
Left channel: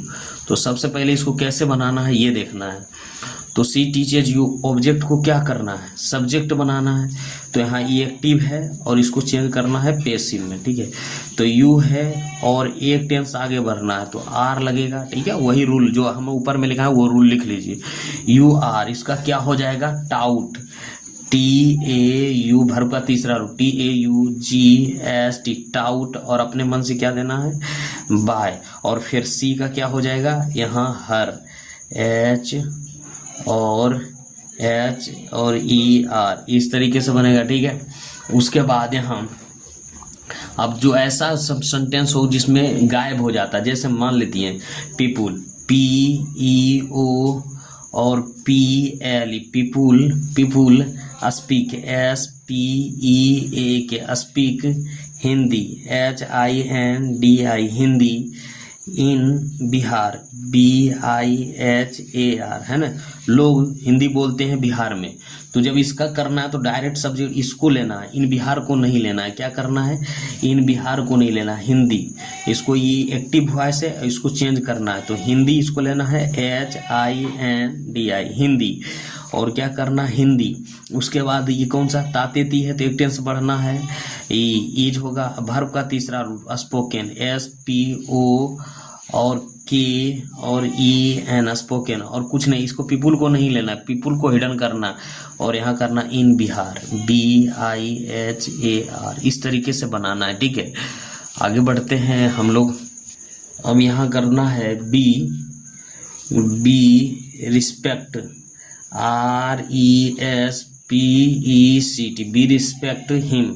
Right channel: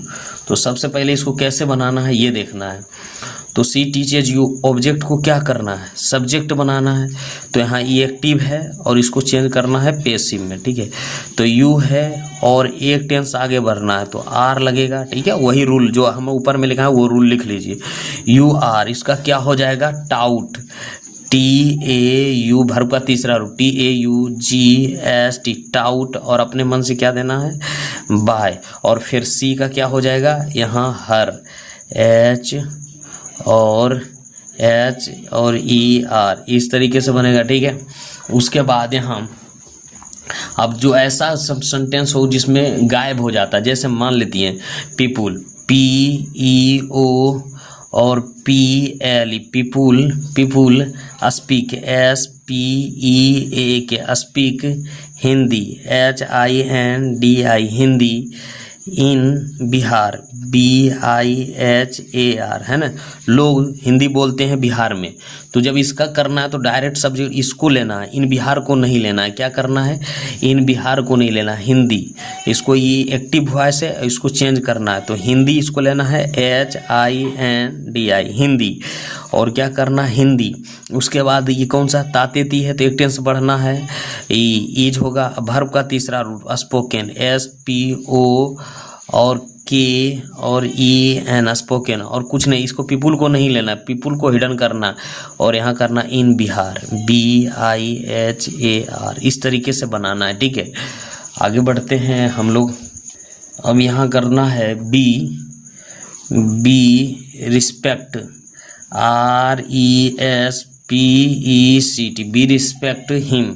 तो सबसे पहले इसको कैसे बनाना है ये देखना है। तो सी टीचेज यू ऑब्जेक्ट को क्या करना है, सब्जेक्ट बनाना है। तो यहाँ ई एक्टिव है और इसको चेंज करना है पेसिव में, ठीक है। तो यू है और एक टेंस आगे बढ़ना है तो आर लगेगा, ठीक है। वही रूल जो हम ऊपर में लिखा है वो रूल लिख लीजिए। यू आर, इसका क्या हो जाएगा, taut, T A you, verb का तीसरा रूप T A you G S T, taut, और अपने मन से क्या देना है, बाय। और फिर सी का क्या हो जाएगा, यहाँ हर, एच और ई आर, इस तरीके से बनेगा, ठीक है। उसके बाद यहाँ अब जो ऐसा सब सेंटेंस हो जिसमें गायब हो जाता है, जैसे मान लेती हैं पीपुल, पी ई ओ और P L, people speak, S P E A K, speak Hindi, H I N D I, Hindi, in Bihar, B I H A R, है ना, लोग हिंदी बोलते हैं बिहार में। तो जब इसका करना है तो डायरेक्ट सब्जेक्ट इसको लेना है, इन बिहार को नहीं लेना है। क्या करना है, इन बिहार को नहीं लेना, हिंदी, इसको ये एक्टिव वॉइस है, इसको चेंज करना है। तो हिंदी इसको लेना है, H I N D I, Hindi, और क्या करना, हिंदी। उसके बाद ये कौन सा, तातेती है तो एक टेंस बढ़ना है, ईज होगा। वर्ब का तीसरा रूप स्पोकन, एस पी ओ और के और ई एन, स्पोकन, और कुछ नहीं, इसको पीपुल को नहीं लेना, पीपुल को हिडन करना, और यहाँ करना in Bihar, B I H A R, इस तरीके से बनाना है, ठीक है। आगे बढ़ते हैं हम लोग। अब यहाँ करना है be respect, R E S P E C T, be respect him,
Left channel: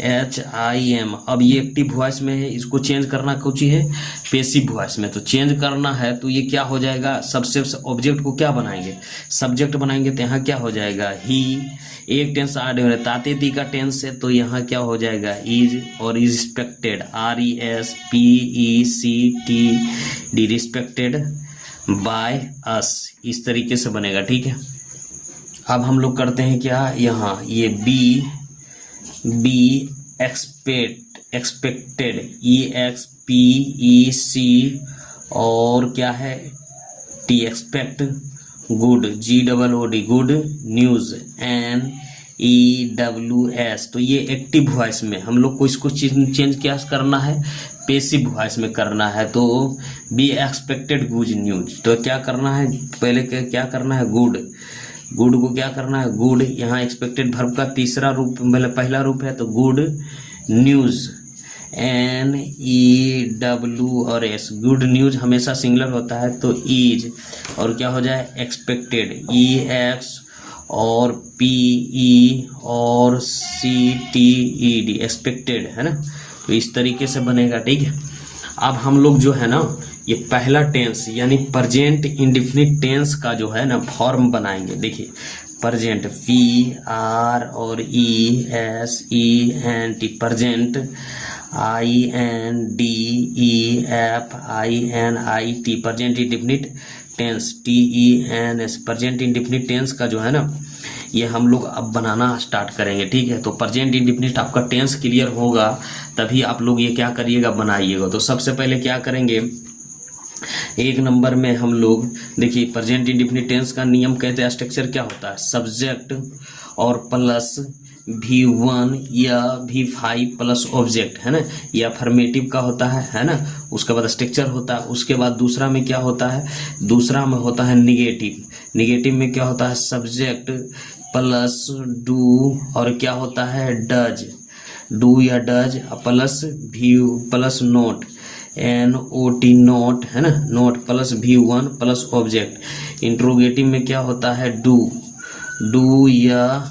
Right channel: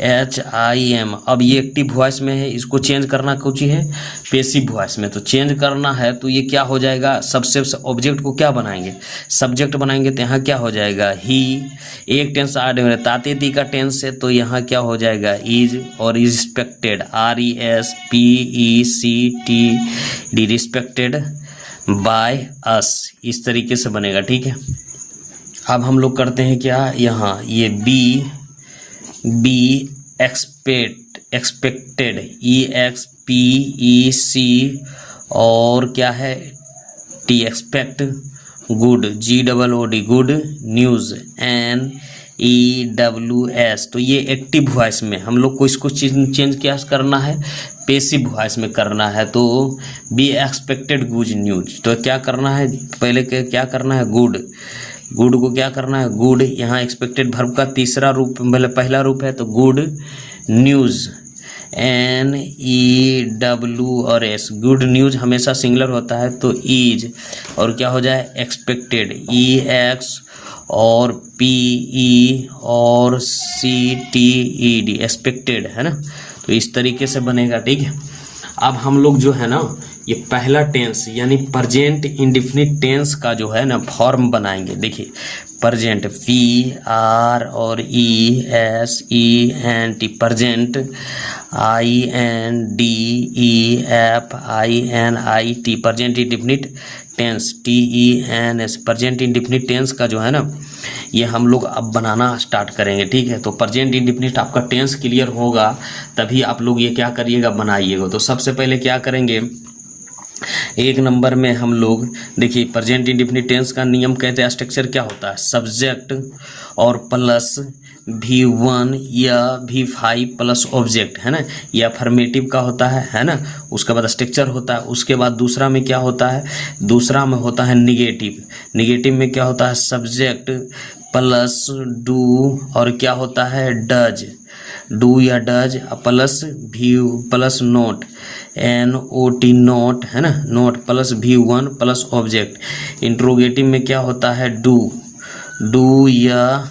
H I M. अब ये एक्टिव वॉइस में है, इसको चेंज करना कुछ ही है पेसिव वॉइस में। तो चेंज करना है तो ये क्या हो जाएगा, सबसे ऑब्जेक्ट को क्या बनाएंगे, सब्जेक्ट बनाएंगे। तो यहाँ क्या हो जाएगा, ही, एक टेंस आड हो रहा है, तातेती का टेंस है तो यहाँ क्या हो जाएगा, इज, और is respected, are E S P E C T D, respected by us, इस तरीके से बनेगा, ठीक है। अब हम लोग करते हैं क्या, यहाँ ये be expected, E X P E C, और क्या है, T, expect, good, G double O D, good news, N E W S. तो ये एक्टिव वॉइस में हम लोग को इसको चेंज क्या करना है, पेसिव वॉइस में करना है। तो बी एक्सपेक्टेड गुड न्यूज, तो क्या करना है, पहले क्या करना है, गुड को क्या करना है, गुड, यहाँ एक्सपेक्टेड वर्ब का तीसरा रूप, मतलब पहला रूप है तो good news, N E W और एस, गुड न्यूज़ हमेशा सिंगुलर होता है तो ईज, और क्या हो जाए, एक्सपेक्टेड, ई एक्स और पी ई और C T E D, expected, है ना। तो इस तरीके से बनेगा, ठीक है। अब हम लोग जो है ना ये पहला टेंस यानी प्रेजेंट इंडेफिनिट टेंस का जो है ना फॉर्म बनाएंगे। देखिए प्रेजेंट, पी आर और E S E N T, present, I N D E F I N I T, present indefinite tense, T E N S. Present indefinite tense का जो है ना ये हम लोग अब बनाना स्टार्ट करेंगे, ठीक है। तो प्रेजेंट इंडेफिनिट आपका टेंस क्लियर होगा तभी आप लोग ये क्या करिएगा, बनाइएगा। तो सबसे पहले क्या करेंगे, एक नंबर में हम लोग देखिए प्रेजेंट इंडेफिनिट टेंस का नियम कहते हैं, स्ट्रक्चर क्या होता है, सब्जेक्ट और प्लस V1 या V5 प्लस ऑब्जेक्ट, है ना, या अफर्मेटिव का होता है ना। उसके बाद स्ट्रक्चर होता है। उसके बाद दूसरा में क्या होता है, दूसरा में होता है निगेटिव में क्या होता है, सब्जेक्ट प्लस डू और क्या होता है, डज, डू या does plus view plus note, NOT note, है ना, note plus V1 plus object. Interrogative में क्या होता है, डू या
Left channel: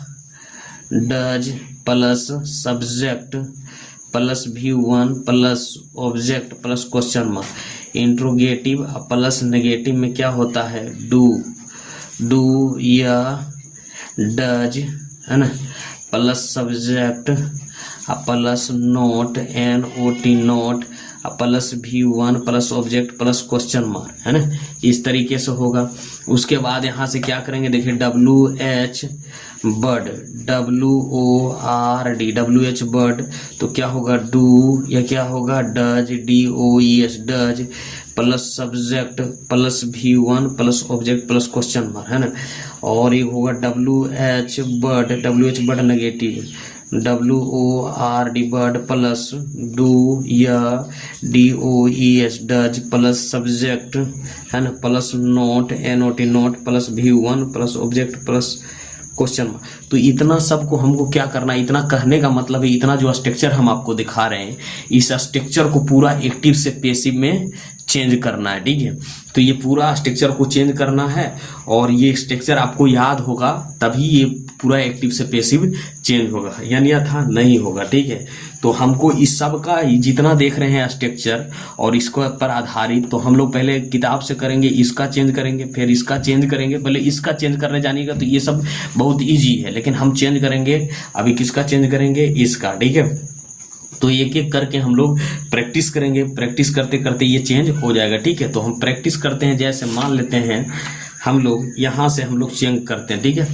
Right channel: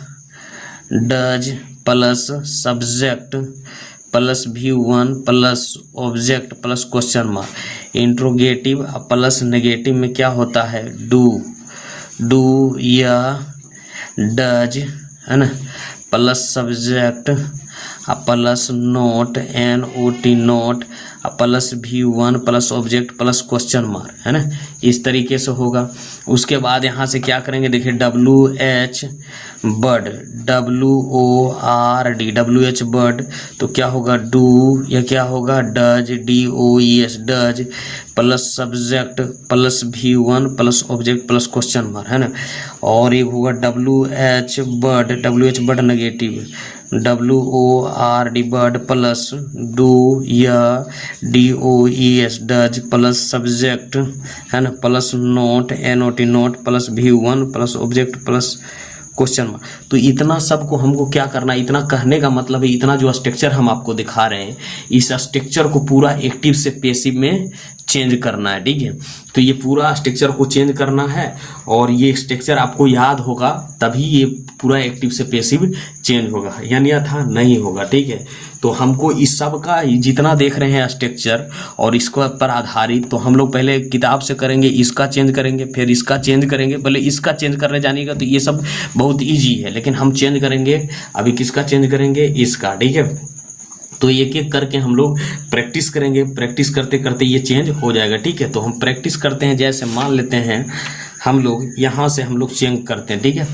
does plus subject plus V1 plus object plus question mark. Interrogative plus negative में क्या होता है, डू या डज, है ना, plus subject plus note NOT note plus V1 plus object plus question mark, है ना, इस तरीके से होगा। उसके बाद यहाँ से क्या करेंगे, देखिए WH bird WORD WH bird, तो क्या होगा डू, या क्या होगा does DOES does plus subject plus V1 plus object plus question mark, है ना। और ये होगा WH bird negative WORD bird plus do या DOES डज प्लस सब्जेक्ट, है ना, plus note NOT note plus V1 plus object plus question mark. तो इतना सबको हमको क्या करना है, इतना कहने का मतलब है, इतना जो स्ट्रक्चर हम आपको दिखा रहे हैं, इस स्ट्रक्चर को पूरा एक्टिव से पैसिव में चेंज करना है, ठीक है। तो ये पूरा स्ट्रक्चर को चेंज करना है और ये स्ट्रक्चर आपको याद होगा, तभी ये पूरा एक्टिव से पैसिव चेंज होगा, यानी अन्यथा नहीं होगा, ठीक है। तो हमको इस सब का जितना देख रहे हैं स्ट्रक्चर और इसको पर आधारित, तो हम लोग पहले किताब से करेंगे, इसका चेंज करेंगे, फिर इसका चेंज करेंगे। पहले इसका चेंज करने जानेगा तो ये सब बहुत ईजी है, लेकिन हम चेंज करेंगे अभी, किसका चेंज करेंगे, इसका, ठीक है। तो एक एक करके हम लोग प्रैक्टिस करेंगे, प्रैक्टिस करते करते ये चेंज हो जाएगा, ठीक है। तो हम प्रैक्टिस करते हैं, जैसे मान लेते हैं हम लोग यहाँ से हम लोग चेंज करते हैं, ठीक है।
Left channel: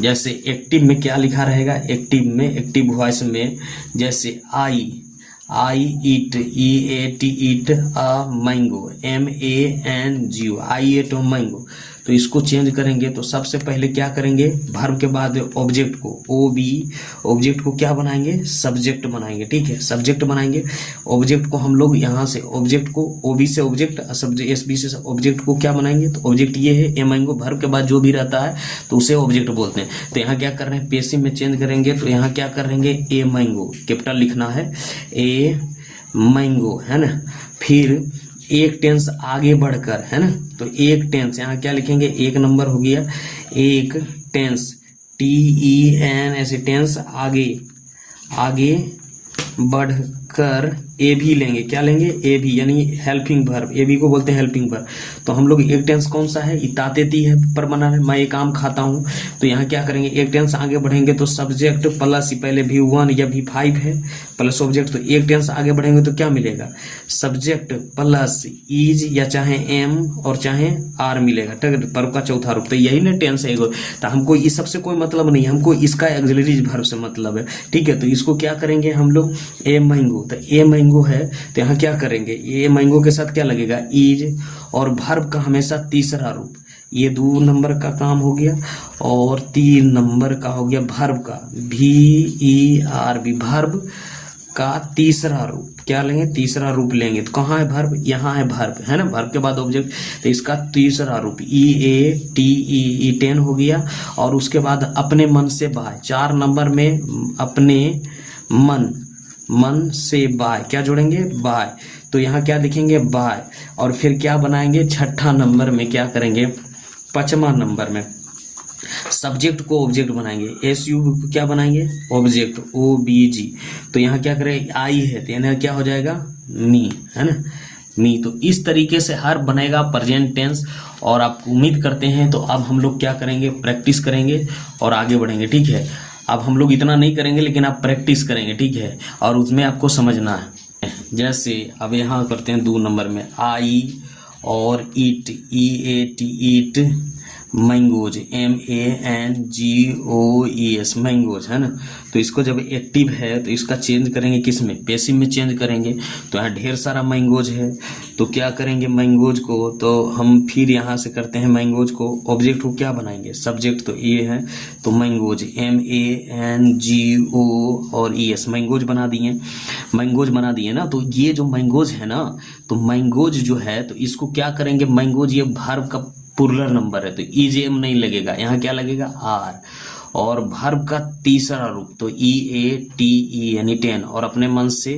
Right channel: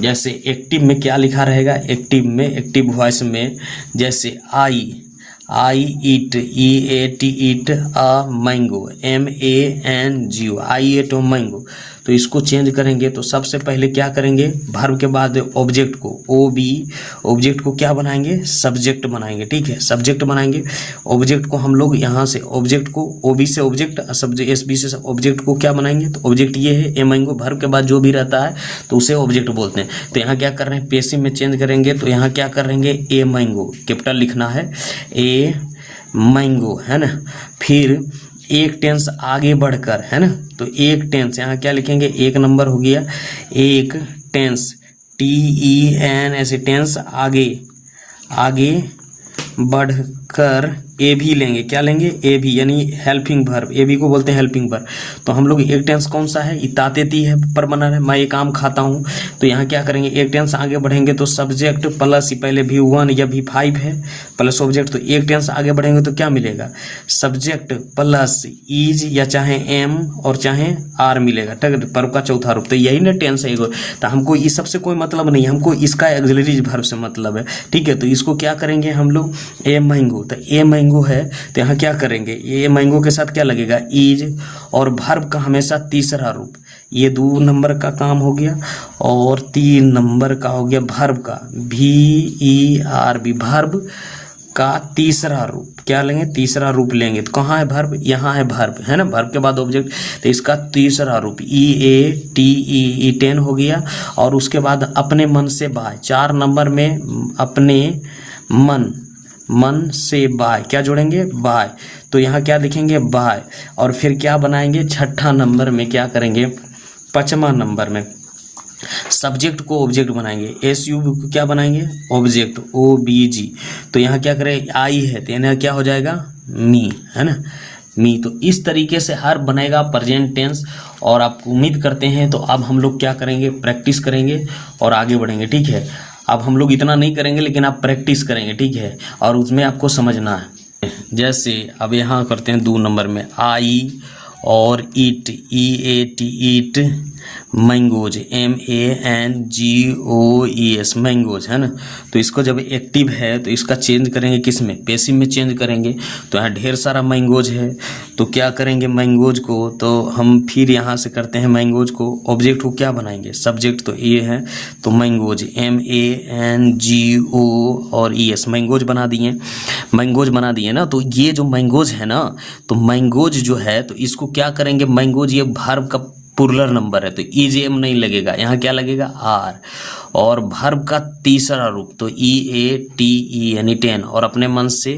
जैसे एक्टिव में क्या लिखा रहेगा, एक्टिव में, एक्टिव वॉइस में, जैसे I eat EAT eat a mango MANGO I ate mango. तो इसको चेंज करेंगे तो सबसे पहले क्या करेंगे, वर्ब के बाद ऑब्जेक्ट को OB, ऑब्जेक्ट को क्या बनाएंगे, सब्जेक्ट बनाएंगे, ठीक है, सब्जेक्ट बनाएंगे। ऑब्जेक्ट को हम लोग यहाँ से ऑब्जेक्ट को OB से ऑब्जेक्ट, सब्जेक्ट SB से ऑब्जेक्ट को क्या बनाएंगे, तो ऑब्जेक्ट ये है ए मैंगो, वर्ब के बाद जो भी रहता है तो उसे ऑब्जेक्ट बोलते हैं। तो यहाँ क्या कर रहे हैं, पैसिव में चेंज करेंगे, तो यहाँ क्या करेंगे, ए मैंगो कैपिटल लिखना है, ए मैंगो, है ना। फिर एक टेंस आगे बढ़कर, है ना, तो एक टेंस यहाँ क्या लिखेंगे, एक नंबर हो गया, एक टेंस TEN ऐसे टेंस आगे बढ़कर ए भी लेंगे, क्या लेंगे, ए भी, यानी हेल्पिंग वर्ब, ए भी को बोलते हैं हेल्पिंग वर्ब। तो हम लोग एक टेंस कौन सा है, इतातेती है, पर बना है, मैं एक आम खाता हूँ। तो यहाँ क्या करेंगे, एक टेंस आगे बढ़ेंगे तो सब्जेक्ट प्लस पहले V1 या V5 है प्लस ऑब्जेक्ट, तो एक टेंस आगे बढ़ेंगे तो क्या मिलेगा, सब्जेक्ट प्लस इज या चाहे एम और चाहे आर मिलेगा, ठीक है, वर्ब का चौथा रूप। तो यही ना टेंस है। तो हमको इस सबसे कोई मतलब नहीं, हमको इसका ऑक्सिलरी वर्ब से मतलब है, ठीक है। तो इसको क्या करेंगे हम लोग, ए मैंगो, तो ए मैंगो है, तो यहाँ क्या करेंगे, ये मैंगो के साथ क्या लगेगा, इज, और वर्ब का हमेशा तीसरा रूप, ये 2 नंबर का काम हो गया, और 3 नंबर का हो गया वर्ब का VERB, वर्ब का तीसरा रूप क्या लेंगे, तीसरा रूप लेंगे। तो कहाँ है वर्ब, यहाँ है वर्ब, है ना, वर्ब के बाद ऑब्जेक्ट, तो इसका तीसरा रूप EATE ईटेन हो गया। और उसके बाद अपने मन से बाय, 4 नंबर में अपने मन से बाय, क्या जोड़ेंगे, बाय। तो यहाँ क्या लिखेंगे, बाय, और फिर क्या बनाएंगे, 6ठा नंबर में क्या करेंगे, 5वां नंबर में सब्जेक्ट को ऑब्जेक्ट बनाएंगे, SU को क्या बनाएंगे, ऑब्जेक्ट OBG। तो यहाँ क्या करें, आई है तो यहाँ क्या हो जाएगा, मी, है ना, मी। तो इस तरीके से हर बनेगा प्रेजेंट टेंस। और आप उम्मीद करते हैं, तो अब हम लोग क्या करेंगे, प्रैक्टिस करेंगे और आगे बढ़ेंगे, ठीक है। अब हम लोग इतना नहीं करेंगे, लेकिन आप प्रैक्टिस करेंगे, ठीक है, और उसमें आपको समझना है। जैसे अब यहाँ करते हैं 2 नंबर में, आई और ईट EAT ईट मैंगोज MANGOES मैंगोज, है ना। तो इसको जब एक्टिव है तो इसका चेंज करेंगे किस में, पैसिव में चेंज करेंगे। तो यहाँ ढेर सारा मैंगोज है, तो क्या करेंगे मैंगोज को, तो हम फिर यहाँ से करते हैं मैंगोज को, ऑब्जेक्ट को क्या बनाएंगे, सब्जेक्ट तो ये है, तो मैंगोज MANGO और ES मैंगोज बना दिए, मैंगोज बना दिए ना। तो ये जो मैंगोज है ना, तो मैंगोज जो है, तो इसको क्या करेंगे, मैंगोज ये वर्ब का प्लूरल नंबर है, तो EJM नहीं लगेगा, यहाँ क्या लगेगा, आर। और वर्ब का तीसरा रूप तो EATE यानी 10, और अपने मन से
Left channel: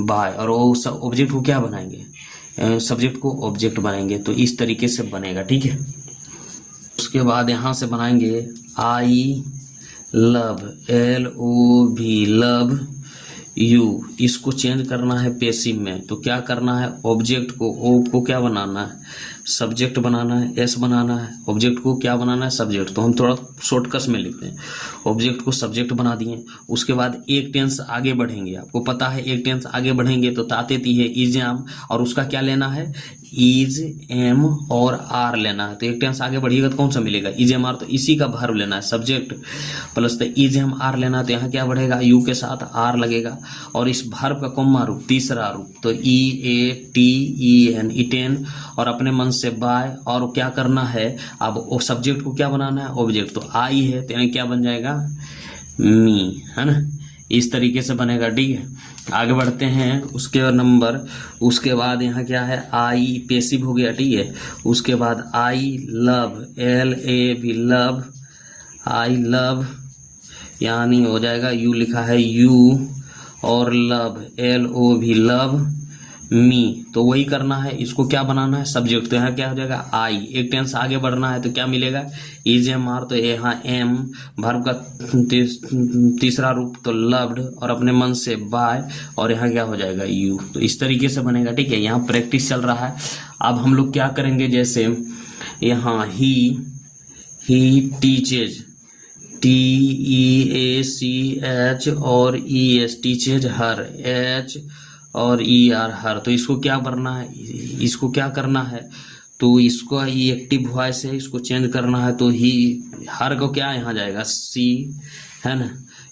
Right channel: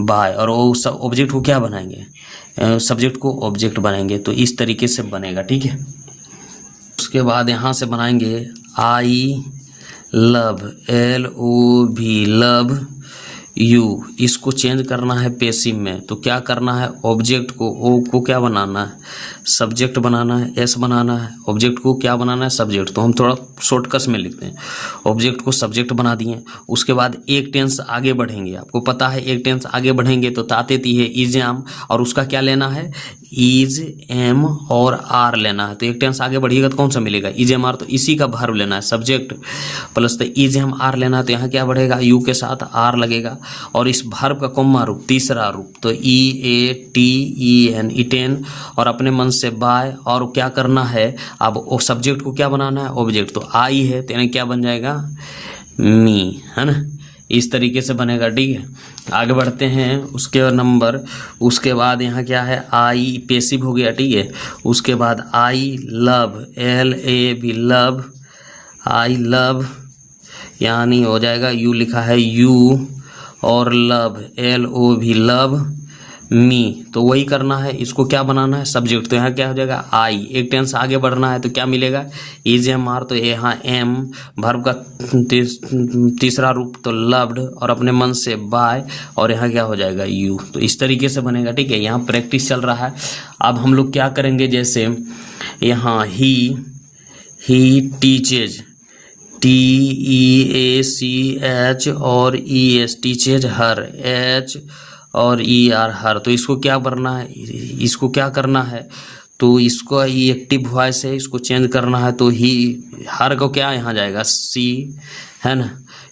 बाय, और वो सब ऑब्जेक्ट को क्या बनाएंगे, सब्जेक्ट को ऑब्जेक्ट बनाएंगे। तो इस तरीके से बनेगा, ठीक है। उसके बाद यहाँ से बनाएंगे I love LOV love you, इसको चेंज करना है पैसिव में। तो क्या करना है, ऑब्जेक्ट को ओ को क्या बनाना है, सब्जेक्ट बनाना है, एस बनाना है, ऑब्जेक्ट को क्या बनाना है, सब्जेक्ट। तो हम थोड़ा शॉर्टकट में लिखते हैं, ऑब्जेक्ट को सब्जेक्ट बना दिए। उसके बाद एक टेंस आगे बढ़ेंगे, आपको पता है एक टेंस आगे बढ़ेंगे तो तातेती है इज एम, और उसका क्या लेना है, इज एम और आर लेना है। तो एक टेंस आगे बढ़िएगा तो कौन सा मिलेगा, इज एम आर, तो इसी का वर्ब लेना है, सब्जेक्ट प्लस तो इज एम आर लेना है। तो यहाँ क्या बढ़ेगा, यू के साथ आर लगेगा, और इस वर्ब का कौमा रूप, तीसरा रूप, तो E A T E N, eaten, और अपने मन से बाय, और क्या करना है अब, वो सब्जेक्ट को क्या बनाना है, ऑब्जेक्ट। तो आई है तो यानी क्या बन जाएगा, मी, है ना। इस तरीके से बनेगा, ठीक है। आगे बढ़ते हैं, उसके बाद यहाँ क्या है, आई पेसिव हो गया, ठीक है। उसके बाद आई लव, एल ए भी लव, आई लव यानी हो जाएगा, यू लिखा है यू, और लव एल ओ भी लव मी, तो वही करना है। इसको क्या बनाना है, सब्जेक्ट। तो यहाँ क्या हो जाएगा, आई, एक टेंस आगे बढ़ना है तो क्या मिलेगा, इज एम आर, तो यहाँ एम, वर्ब का तीसरा रूप तो लव्ड, और अपने मन से बाय, और यहाँ क्या हो जाएगा, यू। तो इस तरीके से बनेगा, ठीक है। यहाँ प्रैक्टिस चल रहा है। अब हम लोग क्या करेंगे, जैसे यहाँ ही teaches, T E A C H और ई एस, टीचेज हर, एच और ई आर हर। तो इसको क्या करना है, इसको क्या करना है, तो इसको ये एक्टिव वॉइस है, इसको चेंज करना है। तो ही, हर को क्या यहाँ जाएगा, सी, है ना।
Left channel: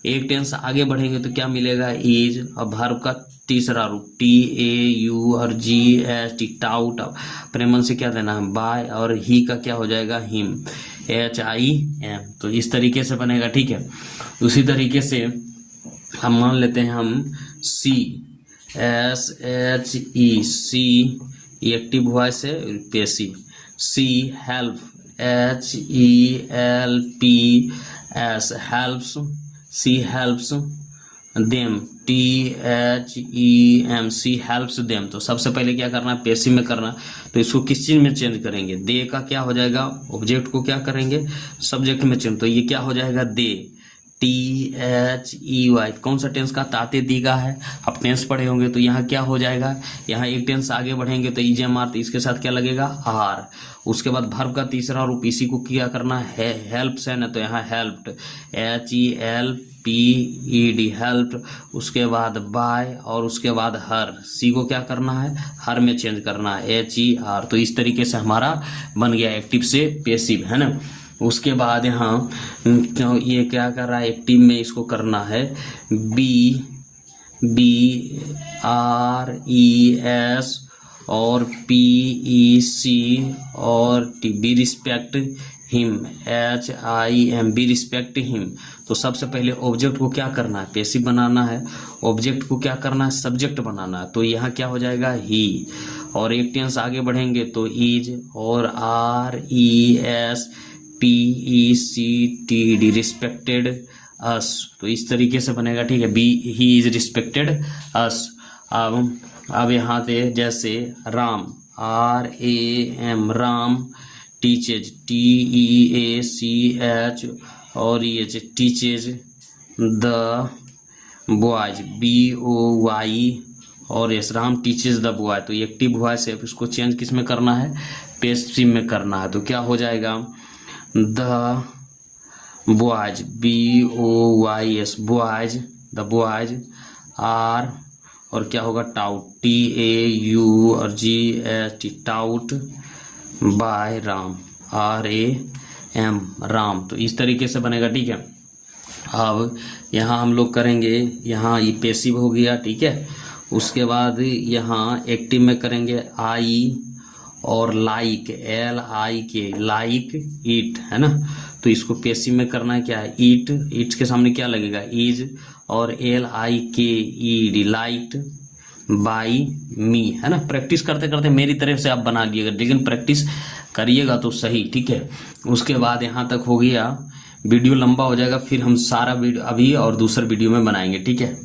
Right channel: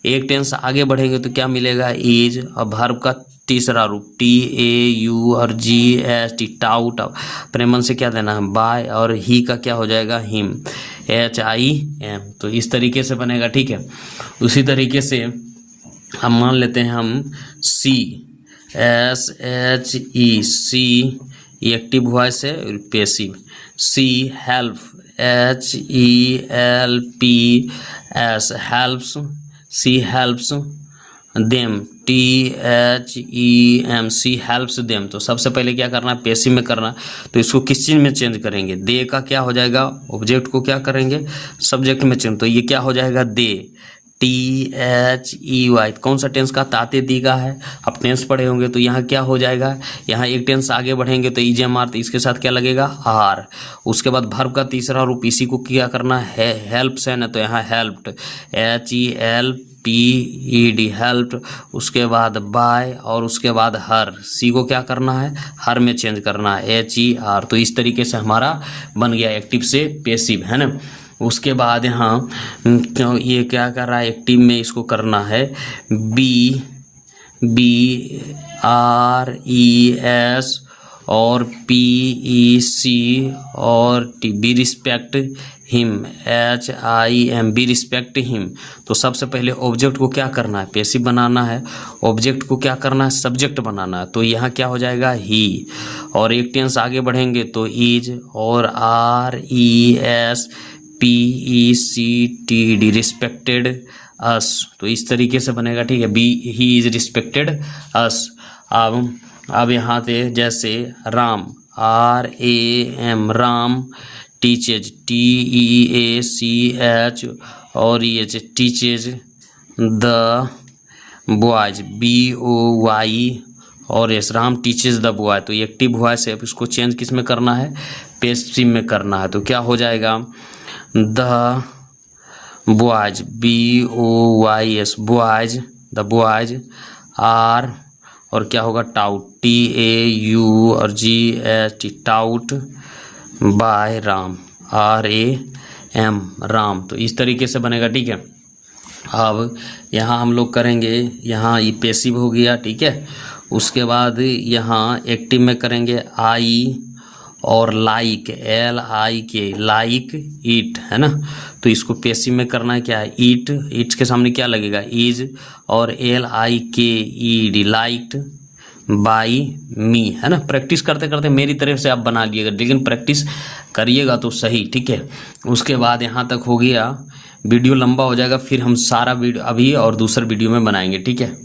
एक टेंस आगे बढ़ेंगे तो क्या मिलेगा, इज, और वर्ब का तीसरा रूप टी ए यू और जी एस टी, टाउट, अपने मन से क्या देना है, बाय, और ही का क्या हो जाएगा, हिम, एच आई एम। तो इस तरीके से बनेगा, ठीक है। उसी तरीके से हम मान लेते हैं, हम she, S H E, she active voice है, passive. She help, H E L P S, helps, she helps them, T H E M, she helps them. तो सबसे पहले क्या करना है, पैसिव में करना। तो इसको किस चीज़ में चेंज करेंगे, दे का क्या हो जाएगा, ऑब्जेक्ट को क्या करेंगे, सब्जेक्ट में चेंज। तो ये क्या हो जाएगा, दे, टी एच ई वाई, कौन सा टेंस का, ताते दी का है। आप टेंस पढ़े होंगे तो यहाँ क्या हो जाएगा, यहाँ एक टेंस आगे बढ़ेंगे तो इज एम आर, तो इसके साथ क्या लगेगा, आर। उसके बाद वर्ब का तीसरा रूप, इसी को क्या करना है, हेल्प्स है ना, तो यहाँ helped, H E L P E D, helped. उसके बाद बाय, और उसके बाद हर, सी को क्या करना है, हर में चेंज करना है, एच ई आर। तो इस तरीके से हमारा बन गया एक्टिव से पैसिव, है ना। उसके बाद यहाँ ये क्या कर रहा है, एक्टिव में इसको करना है, बी आर ई एस और पी ई सी और T, be respect him, H I M, be respect him. तो सबसे पहले ऑब्जेक्ट को क्या करना है, पैसिव बनाना है, ऑब्जेक्ट को क्या करना है, सब्जेक्ट बनाना है। तो यहाँ क्या हो जाएगा, ही, और एक टेंस आगे बढ़ेंगे तो इज, और R E S P E C T D, respected us. तो इस तरीके से बनेगा, ठीक है। Be, he is respected us. अब यहाँ पे जैसे Ram, R A M, Ram, teaches, T E A C H और ये teaches the boys, B O Y और S, Ram teaches the boy. तो एक्टिव वॉइस है, इसको चेंज किस में करना है, पैसिव में करना है। तो क्या हो जाएगा, the boys, B O Y S, boys, the boys are, और क्या होगा, टाउट, टी ए यू और G H T, taught by Ram, R A M, Ram. तो इस तरीके से बनेगा, ठीक है। अब यहाँ हम लोग करेंगे, यहाँ ये पैसिव हो गया, ठीक है। उसके बाद यहाँ एक्टिव में करेंगे, आई और लाइक, एल आई के, लाइक ईट, है ना। तो इसको पैसिव में करना है, क्या है, ईट, ईट के सामने क्या लगेगा, इज, और एल आई के ई डी, लाइक्ड बाई मी, है ना। प्रैक्टिस करते करते मेरी तरफ से आप बना लीजिएगा, लेकिन प्रैक्टिस करिएगा तो सही, ठीक है। उसके बाद यहाँ तक हो गया, वीडियो लंबा हो जाएगा, फिर हम सारा वीडियो अभी और दूसरे वीडियो में बनाएंगे, ठीक है।